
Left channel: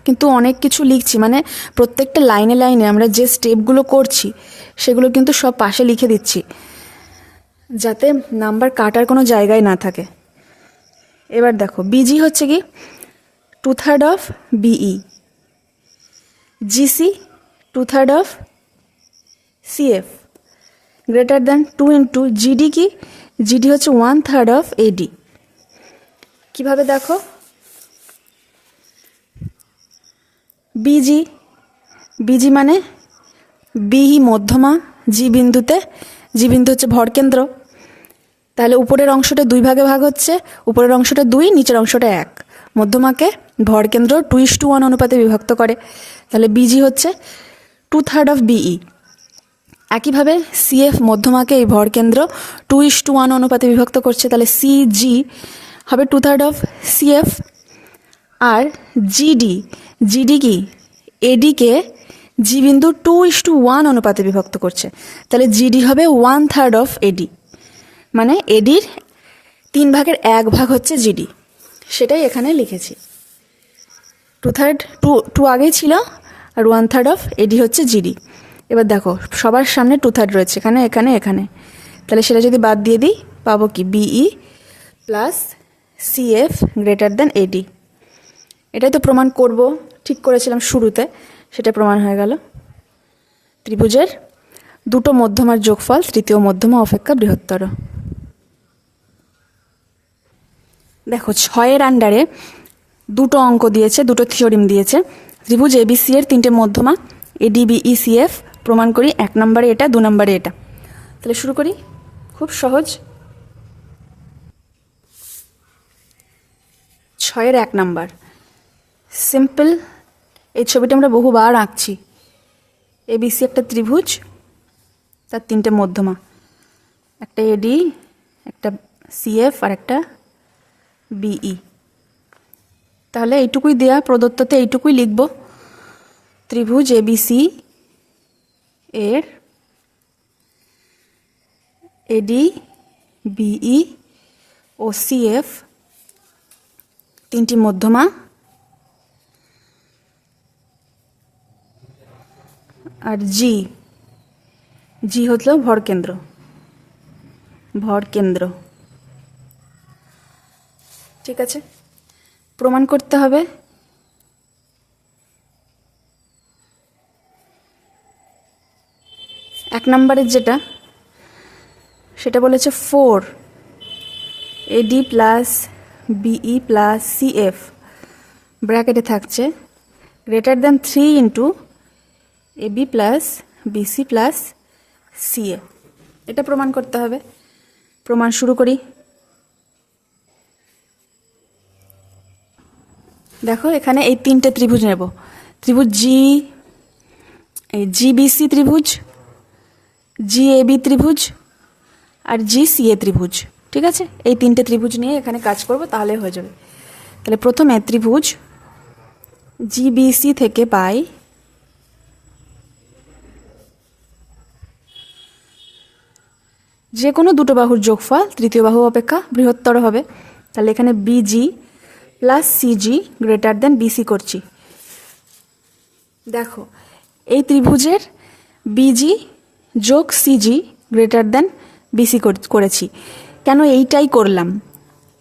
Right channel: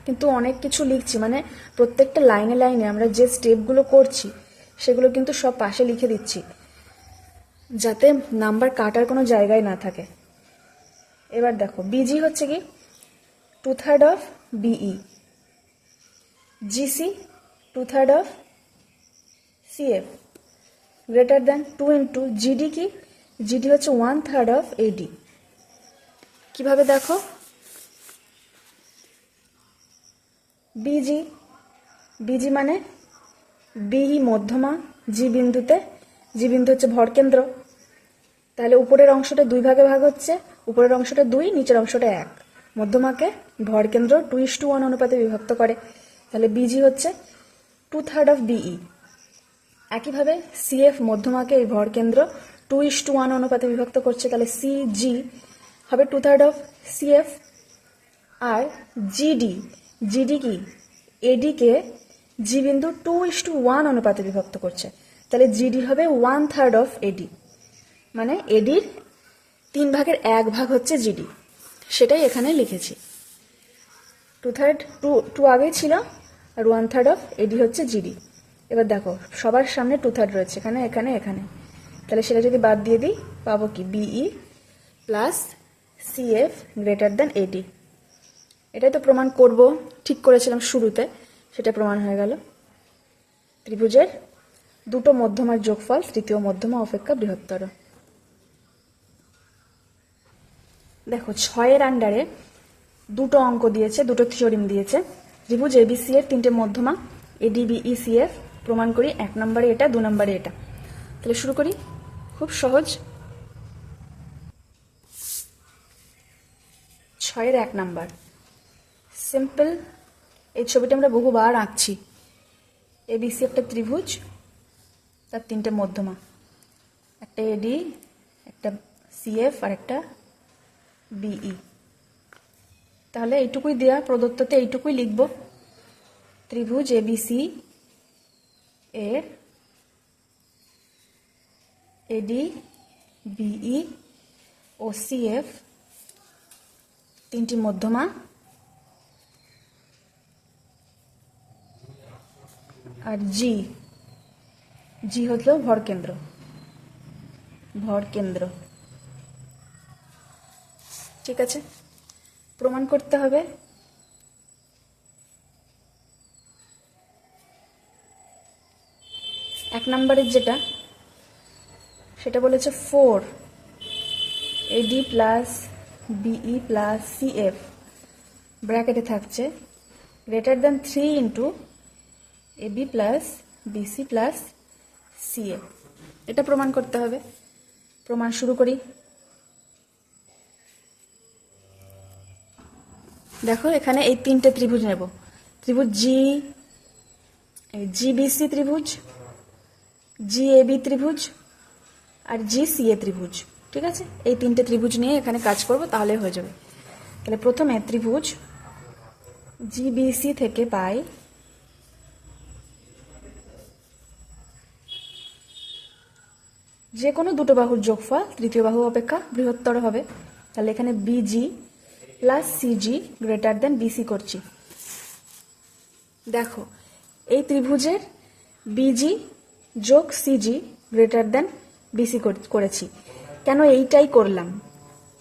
কিন্তু অনেক কিছু লিখছি, মানে প্রত্যেকটা লাইনে লাইনে আমরা যে স্টেপগুলো করছি সেগুলো কিন্তু সব পাশে লিখে দিচ্ছি, যাতে নাম্বার কাটার কোনো জায়গায় না থাকে। এবার দেখো BG হচ্ছে কি 2/3 of BE, GC 2/3 of CF, greater than 2 into GD কি, GD হচ্ছে 1/3 অফ AD। কিভাবে দেখো, BG মানে BE মধ্যমা, G বিন্দুতে, G বিন্দু হচ্ছে ভরকেন্দ্র, তাহলে উপরের অংশটা 2 ভাগে ভাগ হচ্ছে, উপরের অংশটা 2, নিচের অংশটা 1, মধ্যমাকে ভরকেন্দ্র 2:1 অনুপাতে বিভক্ত করে, তাহলে BG হচ্ছে 2/3 অফ BE। একইভাবে CF মধ্যমাকে এই ভরকেন্দ্র 2:1 অনুপাতে বিভক্ত করছে, তাহলে CG হবে 2/3 অফ CF। আর GD কি AD-কে G বিন্দু 2:1 অনুপাতে বিভক্ত করছে, তাহলে GD হবে 1/3 অফ AD, মানে AD-র 3 ভাগের 1 ভাগ হচ্ছে GD, সেটাই এখানে লিখেছি। 2 আগেই ছিল, আর 1/3 অফ AD হচ্ছে GD। এবার দেখো সবার সামনে 2/3 রয়েছে, এখানে এখানে এখানে, তাহলে সেটা যদি বাদ দিয়ে দিই পাবো কি BE plus CF greater than AD। এটাই তো প্রমাণ করব, ঠিক করেছিলাম শুরুতে, সেটা প্রমাণ হয়ে গেল। ত্রিভুজের দুটো মধ্যমার যোগফল তৃতীয় মধ্যমা অপেক্ষা বৃহত্তর। দেখো 6-এর আন্ডারে দুটো অঙ্ক দিয়েছে, দুটো থিওরিম দিয়েছে। ত্রিভুজ ABC এর 3টে মধ্যমা ADBECF প্রমাণ করি। 1 নম্বরে এটা, 2 নম্বরে এটা। তাহলে শুরু করি, খুব সহজ। 6-এর 1 নম্বর সিম্পল। এই ছবিটা আমরা বহুবার আঁকছি। ABC একটা ত্রিভুজ, তার 3টে মধ্যমা, একটা AD, একটা CF আর একটা BE। তাহলে এইটুকুই দেয়া, প্রদত্ততে এইটুকুই লিখব। ত্রিভুজ ABC এর AD BE ও CF 3টি মধ্যমা, আর G হলো ভরকেন্দ্র, ঠিক আছে। প্রমাণ করতে হবে। এক নম্বরের যেটা, সেটা বলেছে 4 AD plus BE plus CF ব্র্যাকেটে থাকছে greater than 3 into AB plus BC plus CF। এটা প্রমাণ করতে হবে। প্রমাণ শুরু করি। দেখো এখানে এই তিনটে ত্রিভুজ নেব, ত্রিভুজ জিবিসি ত্রিভুজ, জিএবি ত্রিভুজ আর জিসিএ ত্রিভুজ। ঠিক আছে, এই তিনটে ত্রিভুজ নিয়ে এখানে কাজ করব, তাহলে হয়ে যাবে। তাহলে প্রথমে ত্রিভুজ জিবিসি থেকে পাই যে কোনো দুটো বাহুর যোগফল তৃতীয় বাহু অপেক্ষা বৃহত্তর হবে। তাহলে এখানে BG plus CG greater than BC করছি। দেখো এই ত্রিভুজের বিজি যোগ সিজি গ্রেটার দেন বিসি করেছি। কেন এইটাই করলাম?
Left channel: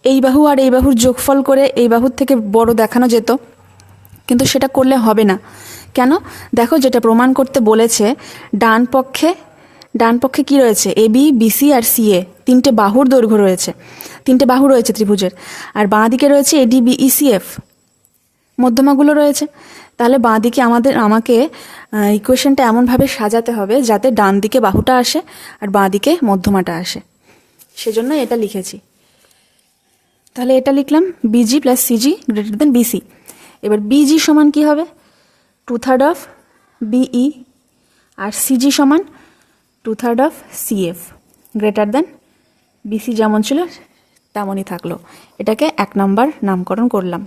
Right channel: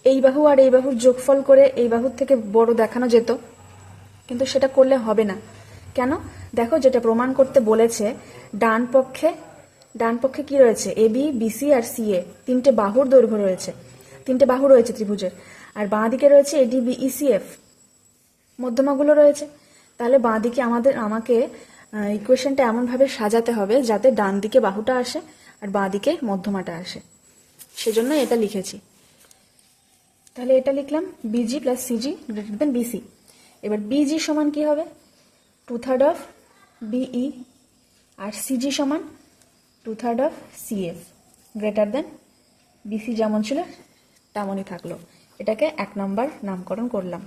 এই বাহু আর এই বাহুর যোগফল করে এই বাহুর থেকে বড় দেখানো যেত, কিন্তু সেটা করলে হবে না। কেন? দেখো যেটা প্রমাণ করতে বলেছে, ডান পক্ষে কি রয়েছে? এবি, বিসি আর সিএ, তিনটে বাহুর দৈর্ঘ্য রয়েছে, তিনটে বাহু রয়েছে ত্রিভুজের। আর বাঁ দিকে রয়েছে এডি, বিই, সিএফ, মধ্যমাগুলো রয়েছে। তাহলে বাঁ দিকে আমাকে ইকুয়েশনটা এমনভাবে সাজাতে হবে যাতে ডান দিকে বাহুটা আসে আর বাঁ দিকে মধ্যমাটা আসে, সেজন্য এটা লিখেছি। তাহলে এটা লিখলাম BG plus CG greater than BC. এবার বিজি সমান কি হবে? 2/3 অফ বিই, আর সিজি সমান 2/3 of CF greater than BC. যেমন ছিল তেমনই থাকলো। এটাকে 1 নম্বর নামকরণ করলাম।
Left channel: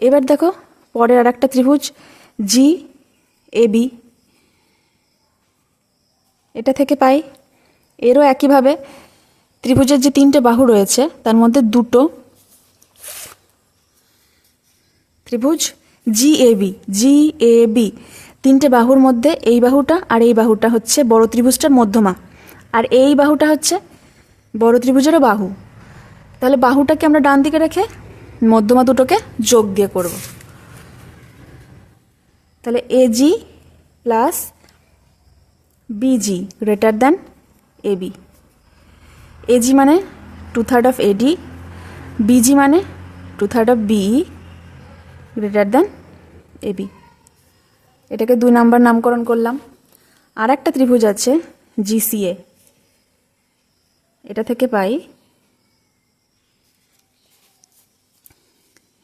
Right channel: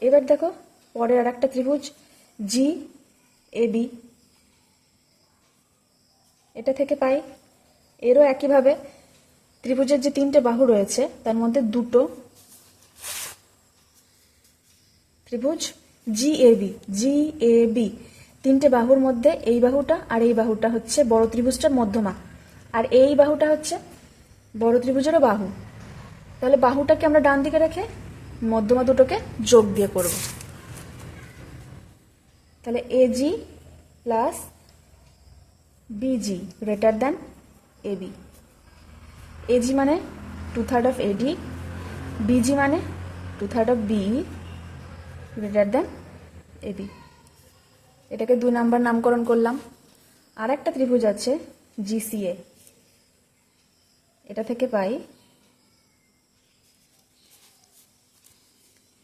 এবার দেখো পরের আর একটা ত্রিভুজ জি এবি, এটা থেকে পাই এরও একইভাবে ত্রিভুজের যে তিনটে বাহু রয়েছে তার মধ্যে দুটো ত্রিভুজ জিএবি, তিনটে বাহুর মধ্যে এই বাহুটা আর এই বাহুটা হচ্ছে বড় ত্রিভুজটার মধ্যমা, আর এই বাহুটা হচ্ছে বড় ত্রিভুজেরও বাহু। তাহলে বাহুটাকে আমরা ডান দিকে রেখে মধ্যমা দুটোকে যোগ দিয়ে করব। তাহলে AG plus BG greater than AB. AG মানে 2/3 অফ এডি, বিজি মানে 2/3 of BE greater than AB. এটাকে 2 নাম্বার নামকরণ করলাম। আর একটা ত্রিভুজ আছে জিসিএ, এটা থেকে পাই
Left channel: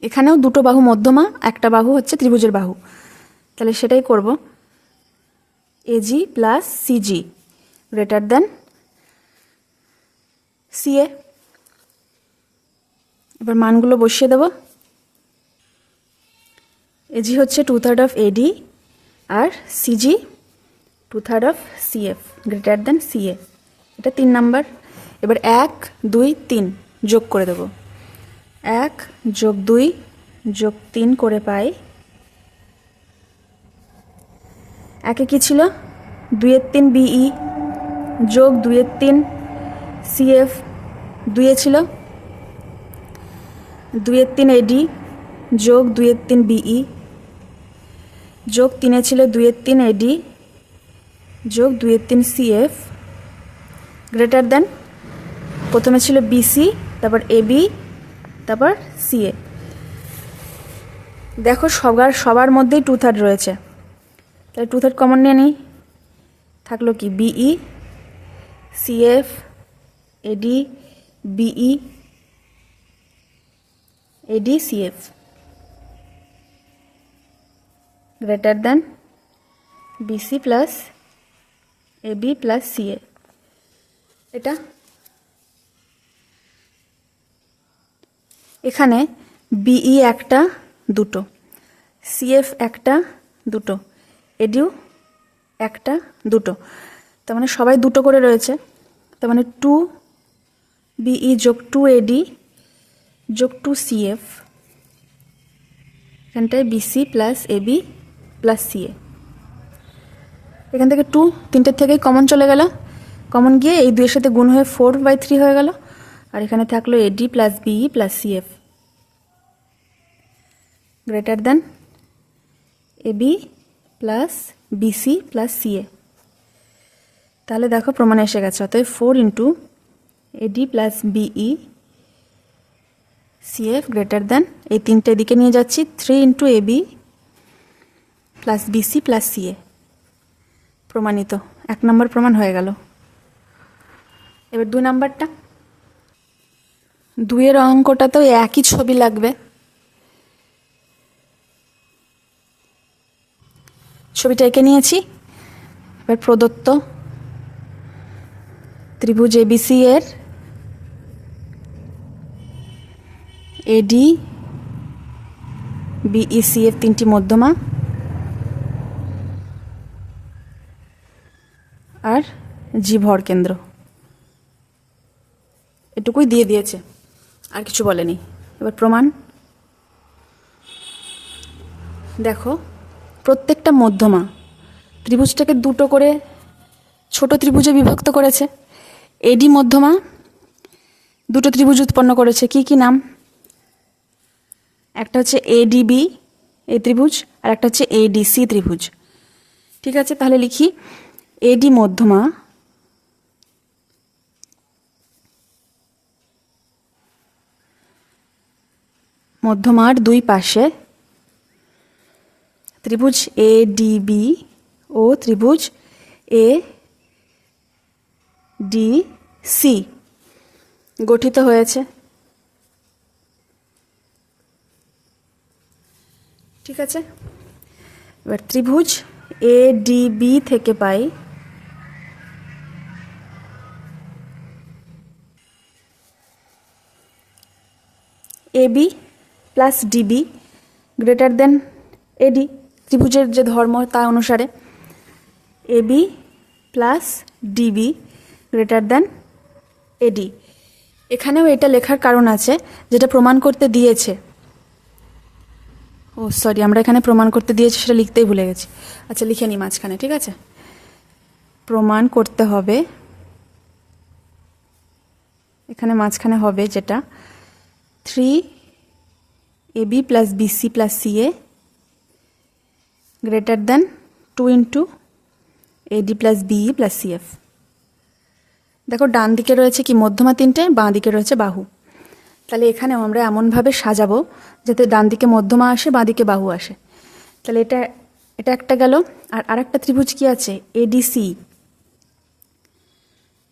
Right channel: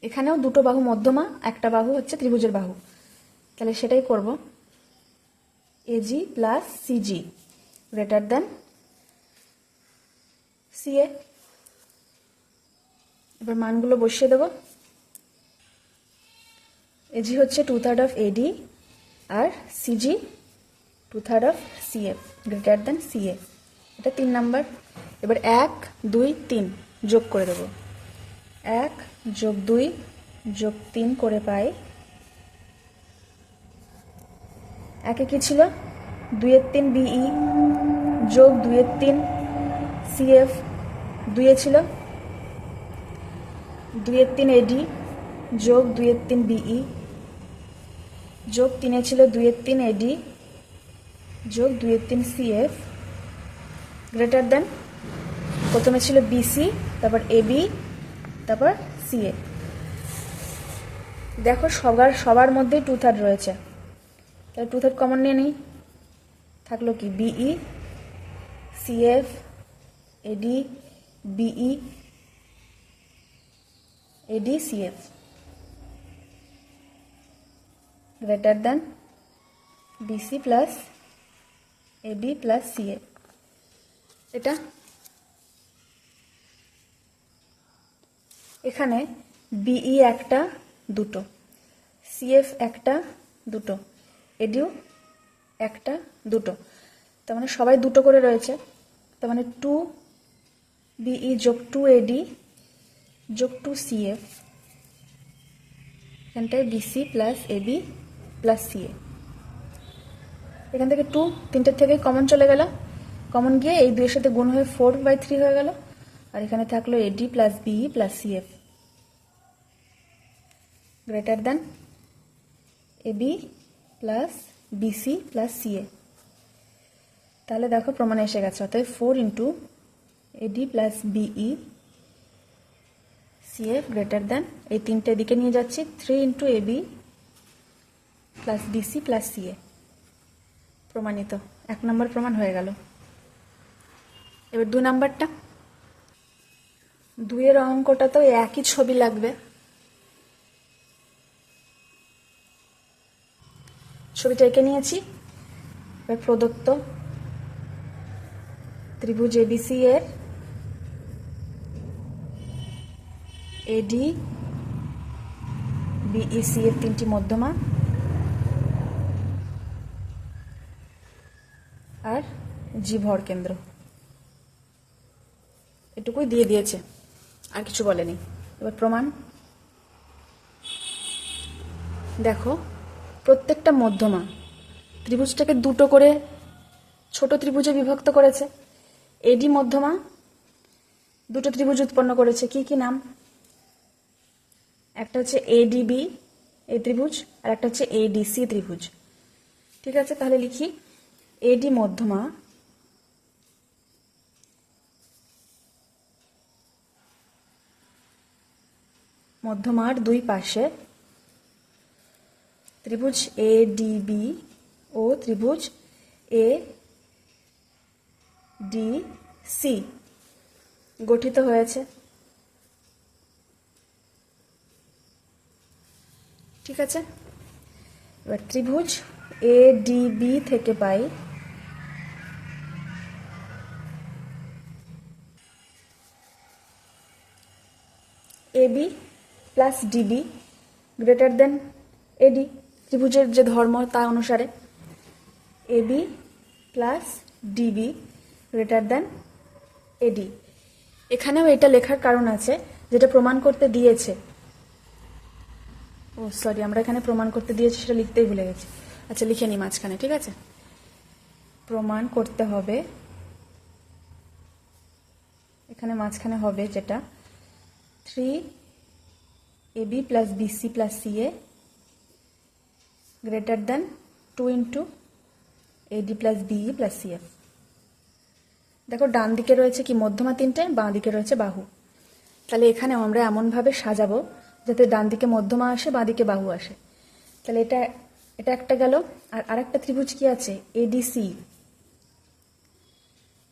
এখানেও দুটো বাহু মধ্যমা, একটা বাহু হচ্ছে ত্রিভুজের বাহু। তাহলে সেটাই করব, AG plus CG greater than CA. এবার মানগুলো বসিয়ে দেব। এজি হচ্ছে 2/3 অফ এডি আর CG 2/3 of CF greater than CA. এটা 3 নাম্বার। এবার 1 2 3 যোগ করে দেব। 1 যোগ 2 যোগ 3 করে পাই, একে কি ছিল 2 3 বিই যোগ 2 3 সিএফ, 2 ছিল 2 3 এডি যোগ 2 3 বিই যোগ 3 ছিল 2 3 এডি যোগ 2 3 সিএফ গ্রেটার দেন, প্রথমে ছিল বিসি, তারপর এবি, তারপর সিএ। দেখো সবার মধ্যেই 2/3 রয়েছে, তাহলে 2/3 কমন নিয়ে নিই। থাকলো কি BE, CF, AD, BE, AD, CF greater than BC plus AB plus CA. এটা এখানে বিই একটা দুটো, সিএফ একটা দুটো, এডিও একটা দুটো, তার মানে সবাই দুটো করে রয়েছে। তার মানে 2 বিই যোগ 2 এডি যোগ 2 সিএফ, এখানটায় BC plus AB plus CA. এখান থেকে 2 তিনটের থেকেই কমন চলে গেল, কমন গিয়ে এই দুইয়ের সাথে গুণ হয়ে 4/3 হয়ে গেল, আর এখানে থাকলো AD plus BE plus CF greater than AB plus BC plus CA. তাহলে দেখো প্রমাণ এসে গেছে। অতএব 4 into AD plus BE CF greater than, এই তিনটে দিকে নিয়ে যাচ্ছি, 3 into AB plus BC plus CA. প্রমাণিত। 1 নম্বর প্রমাণ হয়ে গেল। এবার 2 নাম্বারটা, 2 এর অঙ্কটাতেও একই ছবি লাগবে। ছবিটা এঁকে নিয়েছি। এবার প্রদত্ত ত্রিভুজ এবিসি এর এডি বিইসি এর তিনটি মধ্যমা আর জি ভর কেন্দ্র, এটুকুই দিয়ে দিয়েছে, আর কিছু বলেনি। এবার প্রমাণ দেখো, প্রত্যেকটা মধ্যমা ত্রিভুজটাকে দুটো করে ছোট ত্রিভুজে বিভক্ত করেছে। এডি মধ্যমা দুটো ত্রিভুজ উৎপন্ন করেছে। কি কি নাম? একটা হচ্ছে এডিবি এই ত্রিভুজ, আর একটা হচ্ছে এডিসি ত্রিভুজ। ঠিক আছে, তাহলে লিখি এডি মধ্যমা মধ্যমার দুই পাশে ত্রিভুজ এডিবি ও ত্রিভুজ এডিসি গঠিত হয়েছে। ঠিক আছে, এবার ত্রিভুজ এডিবি থেকে পাই AB plus DB greater than AD. ত্রিভুজের যে ধর্ম তা অনুসারে AB plus DB greater than AD. এখানেও এটা লেখার কারণ আছে, যেটা প্রমাণ করতে দিয়েছে। ও সরি, আমরা এখানে প্রমাণ করতে দিয়েছি সেটা লিখতেই ভুলে গেছি। আচ্ছা, লিখে নিই মাঝখানে। ঠিক আছে, প্রমাণ করতে হবে, এখানে মাঝখানে হবে যেটা 3ab plus BC plus CA greater than 2 into AD plus BE plus CF. দেখো, ডান দিকে রয়েছে কি মধ্যমা তিনটে, বাঁ দিকে রয়েছে বাহু। তাহলে এখানে আমরা এমনভাবে সাজাবো যাতে ডান দিকে মধ্যমা আসে, বাঁ দিকে বাহু আসে। তাহলে এটা এটা একটা গেল। আর আরেকটা ত্রিভুজ কি আছে? এডিসি।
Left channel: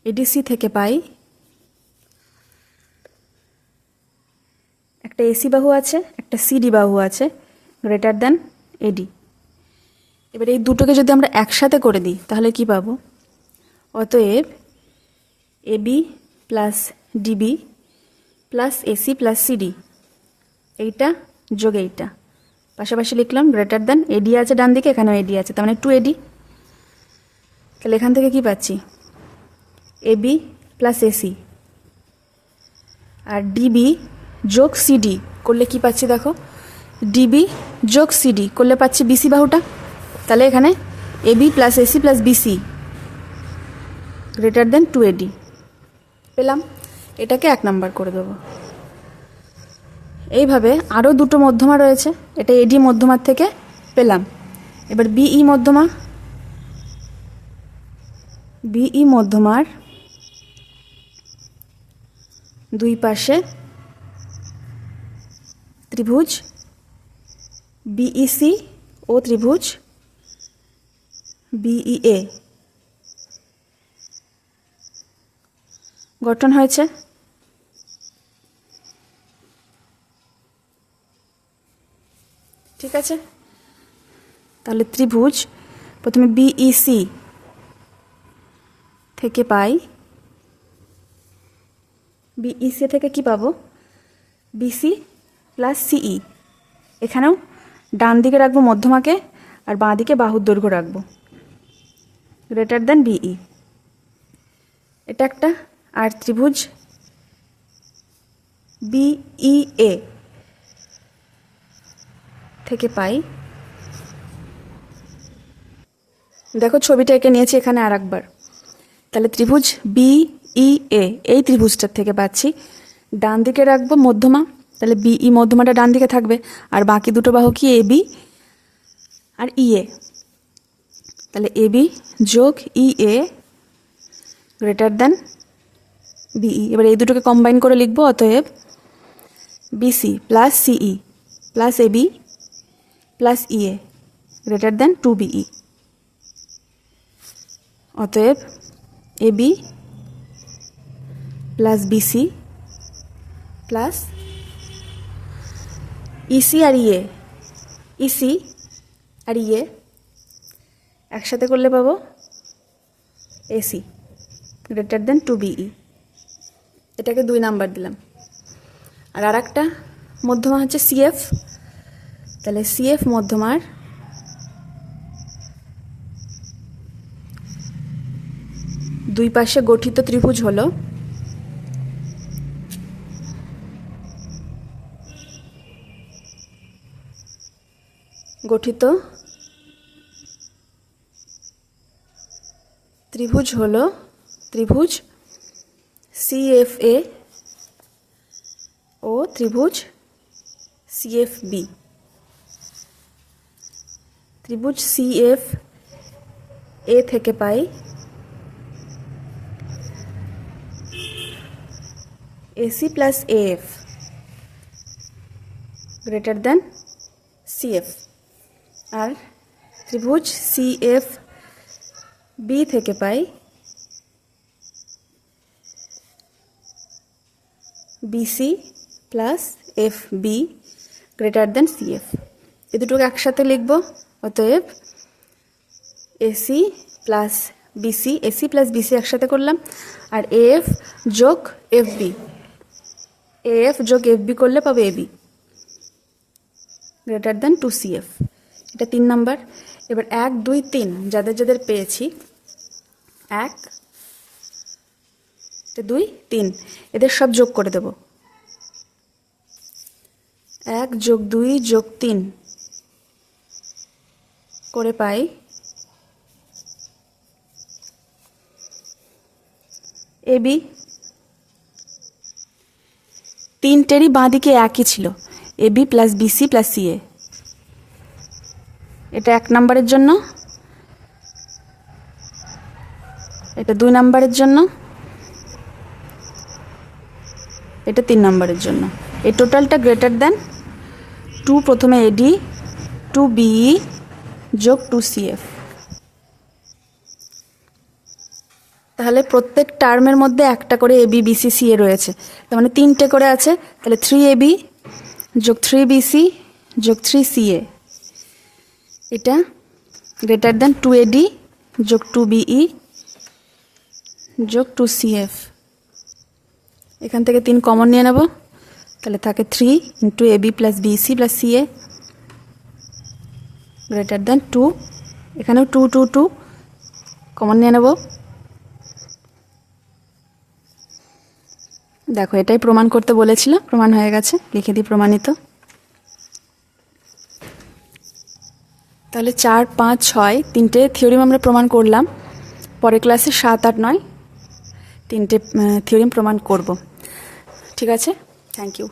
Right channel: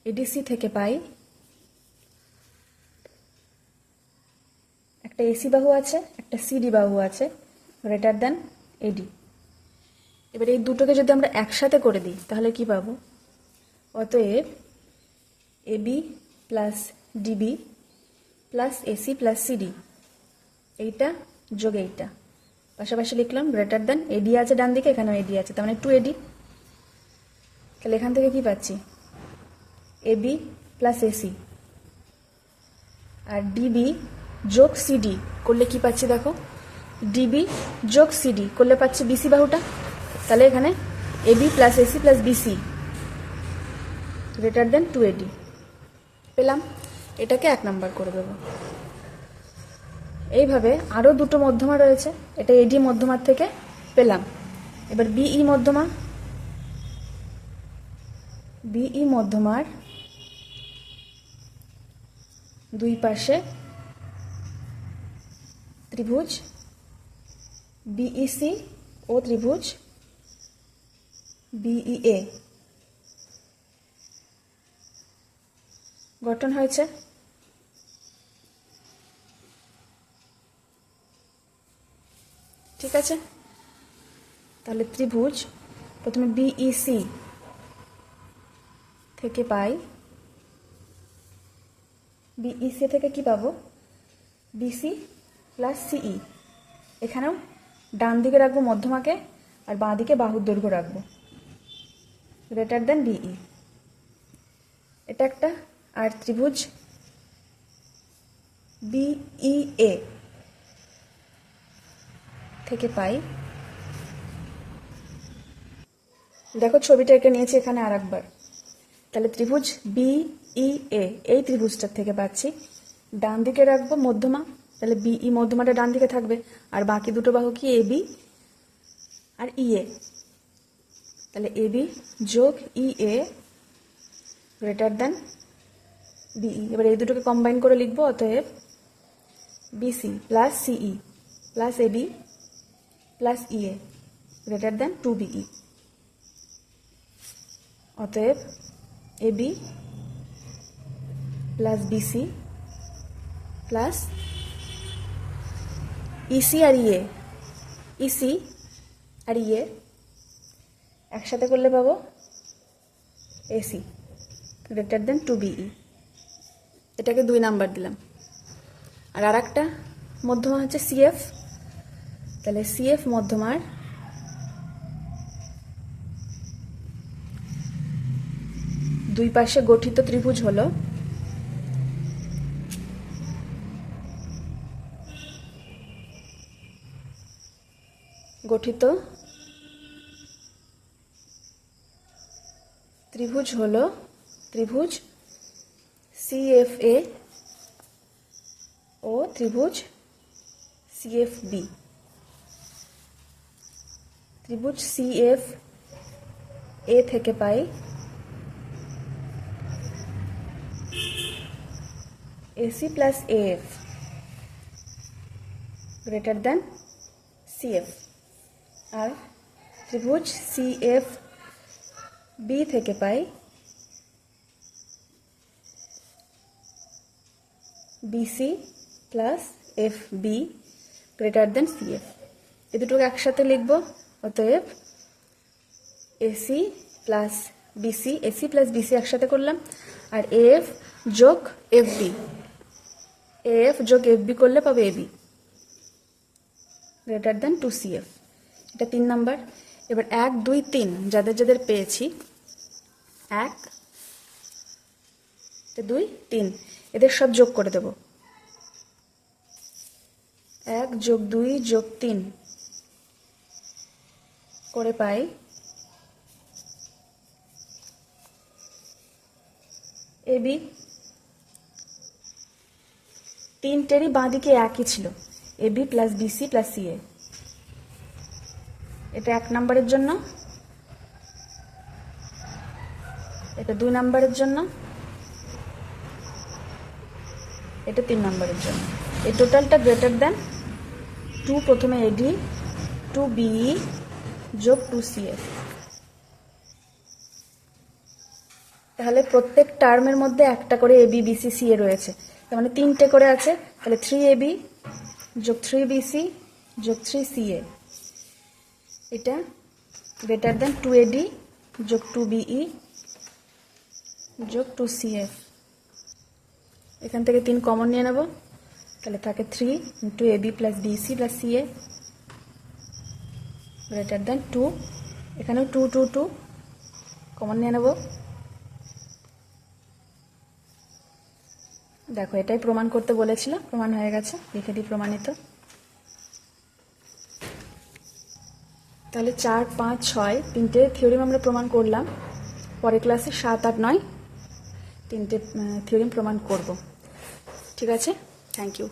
এডিসি থেকে পাই একটা এসি বাহু আছে, একটা সিডি বাহু আছে গ্রেটার দেন এডি। এবার এই দুটোকে যদি আমরা একসাথে করে দিই তাহলে কি পাবো? অতএব AB plus DB plus AC plus CD, এইটা যোগ এইটা পাশাপাশি লিখলাম গ্রেটার দেন এডি আছে ডান দিকে, এখানেও এডি আছে, তার মানে 2AD। তাহলে এখান থেকে কি পাচ্ছি? এবি প্লাস এসি আর ডিবি যোগ সিডি করলে কি পাচ্ছি? দেখো, ডিবি যোগ সিডি করলে পাচ্ছি বিসি বাহুটা। তাহলে এখানে AB plus AC plus BC greater than 2AD পেলাম। এটাকে 1 নাম্বার করে দেবো। এইভাবে আরও দুটো মধ্যমা রয়েছে, এটা এডি মধ্যমার থেকে পেলাম। এবার বিই মধ্যমা, বিই মধ্যমার দুই পাশে ত্রিভুজ বিইসি ও ত্রিভুজ বিইএ গঠন হয়েছে। ঠিক আছে, তাহলে ত্রিভুজ প্রথমে বিইসি থেকে পাই, বিইসি থেকে কি পাবো? বিসি প্লাস সিই। এখানেও ডান দিকে রাখবো মধ্যমাকে আর বাঁ দিকে বাহুর দৈর্ঘ্য রাখবো গ্রেটার দেন বিই। এটা একটা। আর ত্রিভুজ বিইএ থেকে পাই, দেখো ছবিটা এঁকে নিয়েছি এখানে আর একবার। তাহলে ত্রিভুজ বিইএ এই ত্রিভুজটার থেকে পাচ্ছি ডান দিকে রাখবো মধ্যমা, তাহলে বিই মধ্যমাটা ডান দিকে থাকবে, আর বাকি দুটো বাহু কি? এবি আর ইএ। তাহলে এবি যোগ ইএ গ্রেটার দেন বিই। এবার এই দুটোকে কম্বাইন করে লিখবো, অতএব BC plus CE plus AB plus EA greater than 2BE। অতএব AB plus BC plus EC আর ইএ, ইসি আর ইএ একসাথে করলে পাবো এসি গ্রেটার দেন 2BE। এটাকে 2 নাম্বার দিলাম। আর একটা মধ্যমা হচ্ছে সিএফ, তাহলে সিএফ মধ্যমার দুই পাশে গঠিত ত্রিভুজ হলো ত্রিভুজ CFA ও ত্রিভুজ CFB। ত্রিভুজ CFA থেকে পাই AC plus AF greater than CF। আর ত্রিভুজ CFB থেকে পাই BC plus FB greater than CF। এ দুটোকে একসাথে লিখব, অতএব AC প্লাস BC একসাথে করলাম, আর AF যোগ FB করলে পাবো AB গ্রেটার দেন 2CF। এটা 3 নাম্বার। এবার 1 2 3 যাদের পেয়েছি 1 2 3 এদের সব যোগ করে দেব। 1 যোগ 2 যোগ 3 করে পাই AB। তিনটেরই বাঁ দিকে একই ছিল, AB plus BC plus CA। এটা 1 নাম্বারের জন্য, এটা 2 নাম্বারের জন্য, এটা 3 নাম্বারের জন্য। এই টোটালটা গ্রেটার দেন 2 প্রথমে AD 2BE যোগ 2CF। তাহলে প্রত্যেক টার্মের মধ্যে একটা করে AB BC CA রয়েছে, তার মানে 3টে করে আছে। তাহলে 3AB যোগ 3BC যোগ 3CA এটা গ্রেটার দেন 2AD যোগ 2BE যোগ 2CF। এখান থেকে 3 কমন নিয়ে নেব, তাহলে থাকে 3 into AB plus BC plus CA greater than 2। এখানেও 2 2 2 কমন নিয়ে নেব। দেখো এটাই প্রমাণ করতে বলেছিল, প্রমাণ হয়ে গেছে, লিখে দিই প্রমাণিত। তাহলে 4 5 6 তিনটে থিওরিম আমরা প্রমাণ করলাম। পরের ক্লাসে 7 8 9 তিনটে থিওরিম প্রমাণ করব। ঠিক আছে, থ্যাংক ইউ।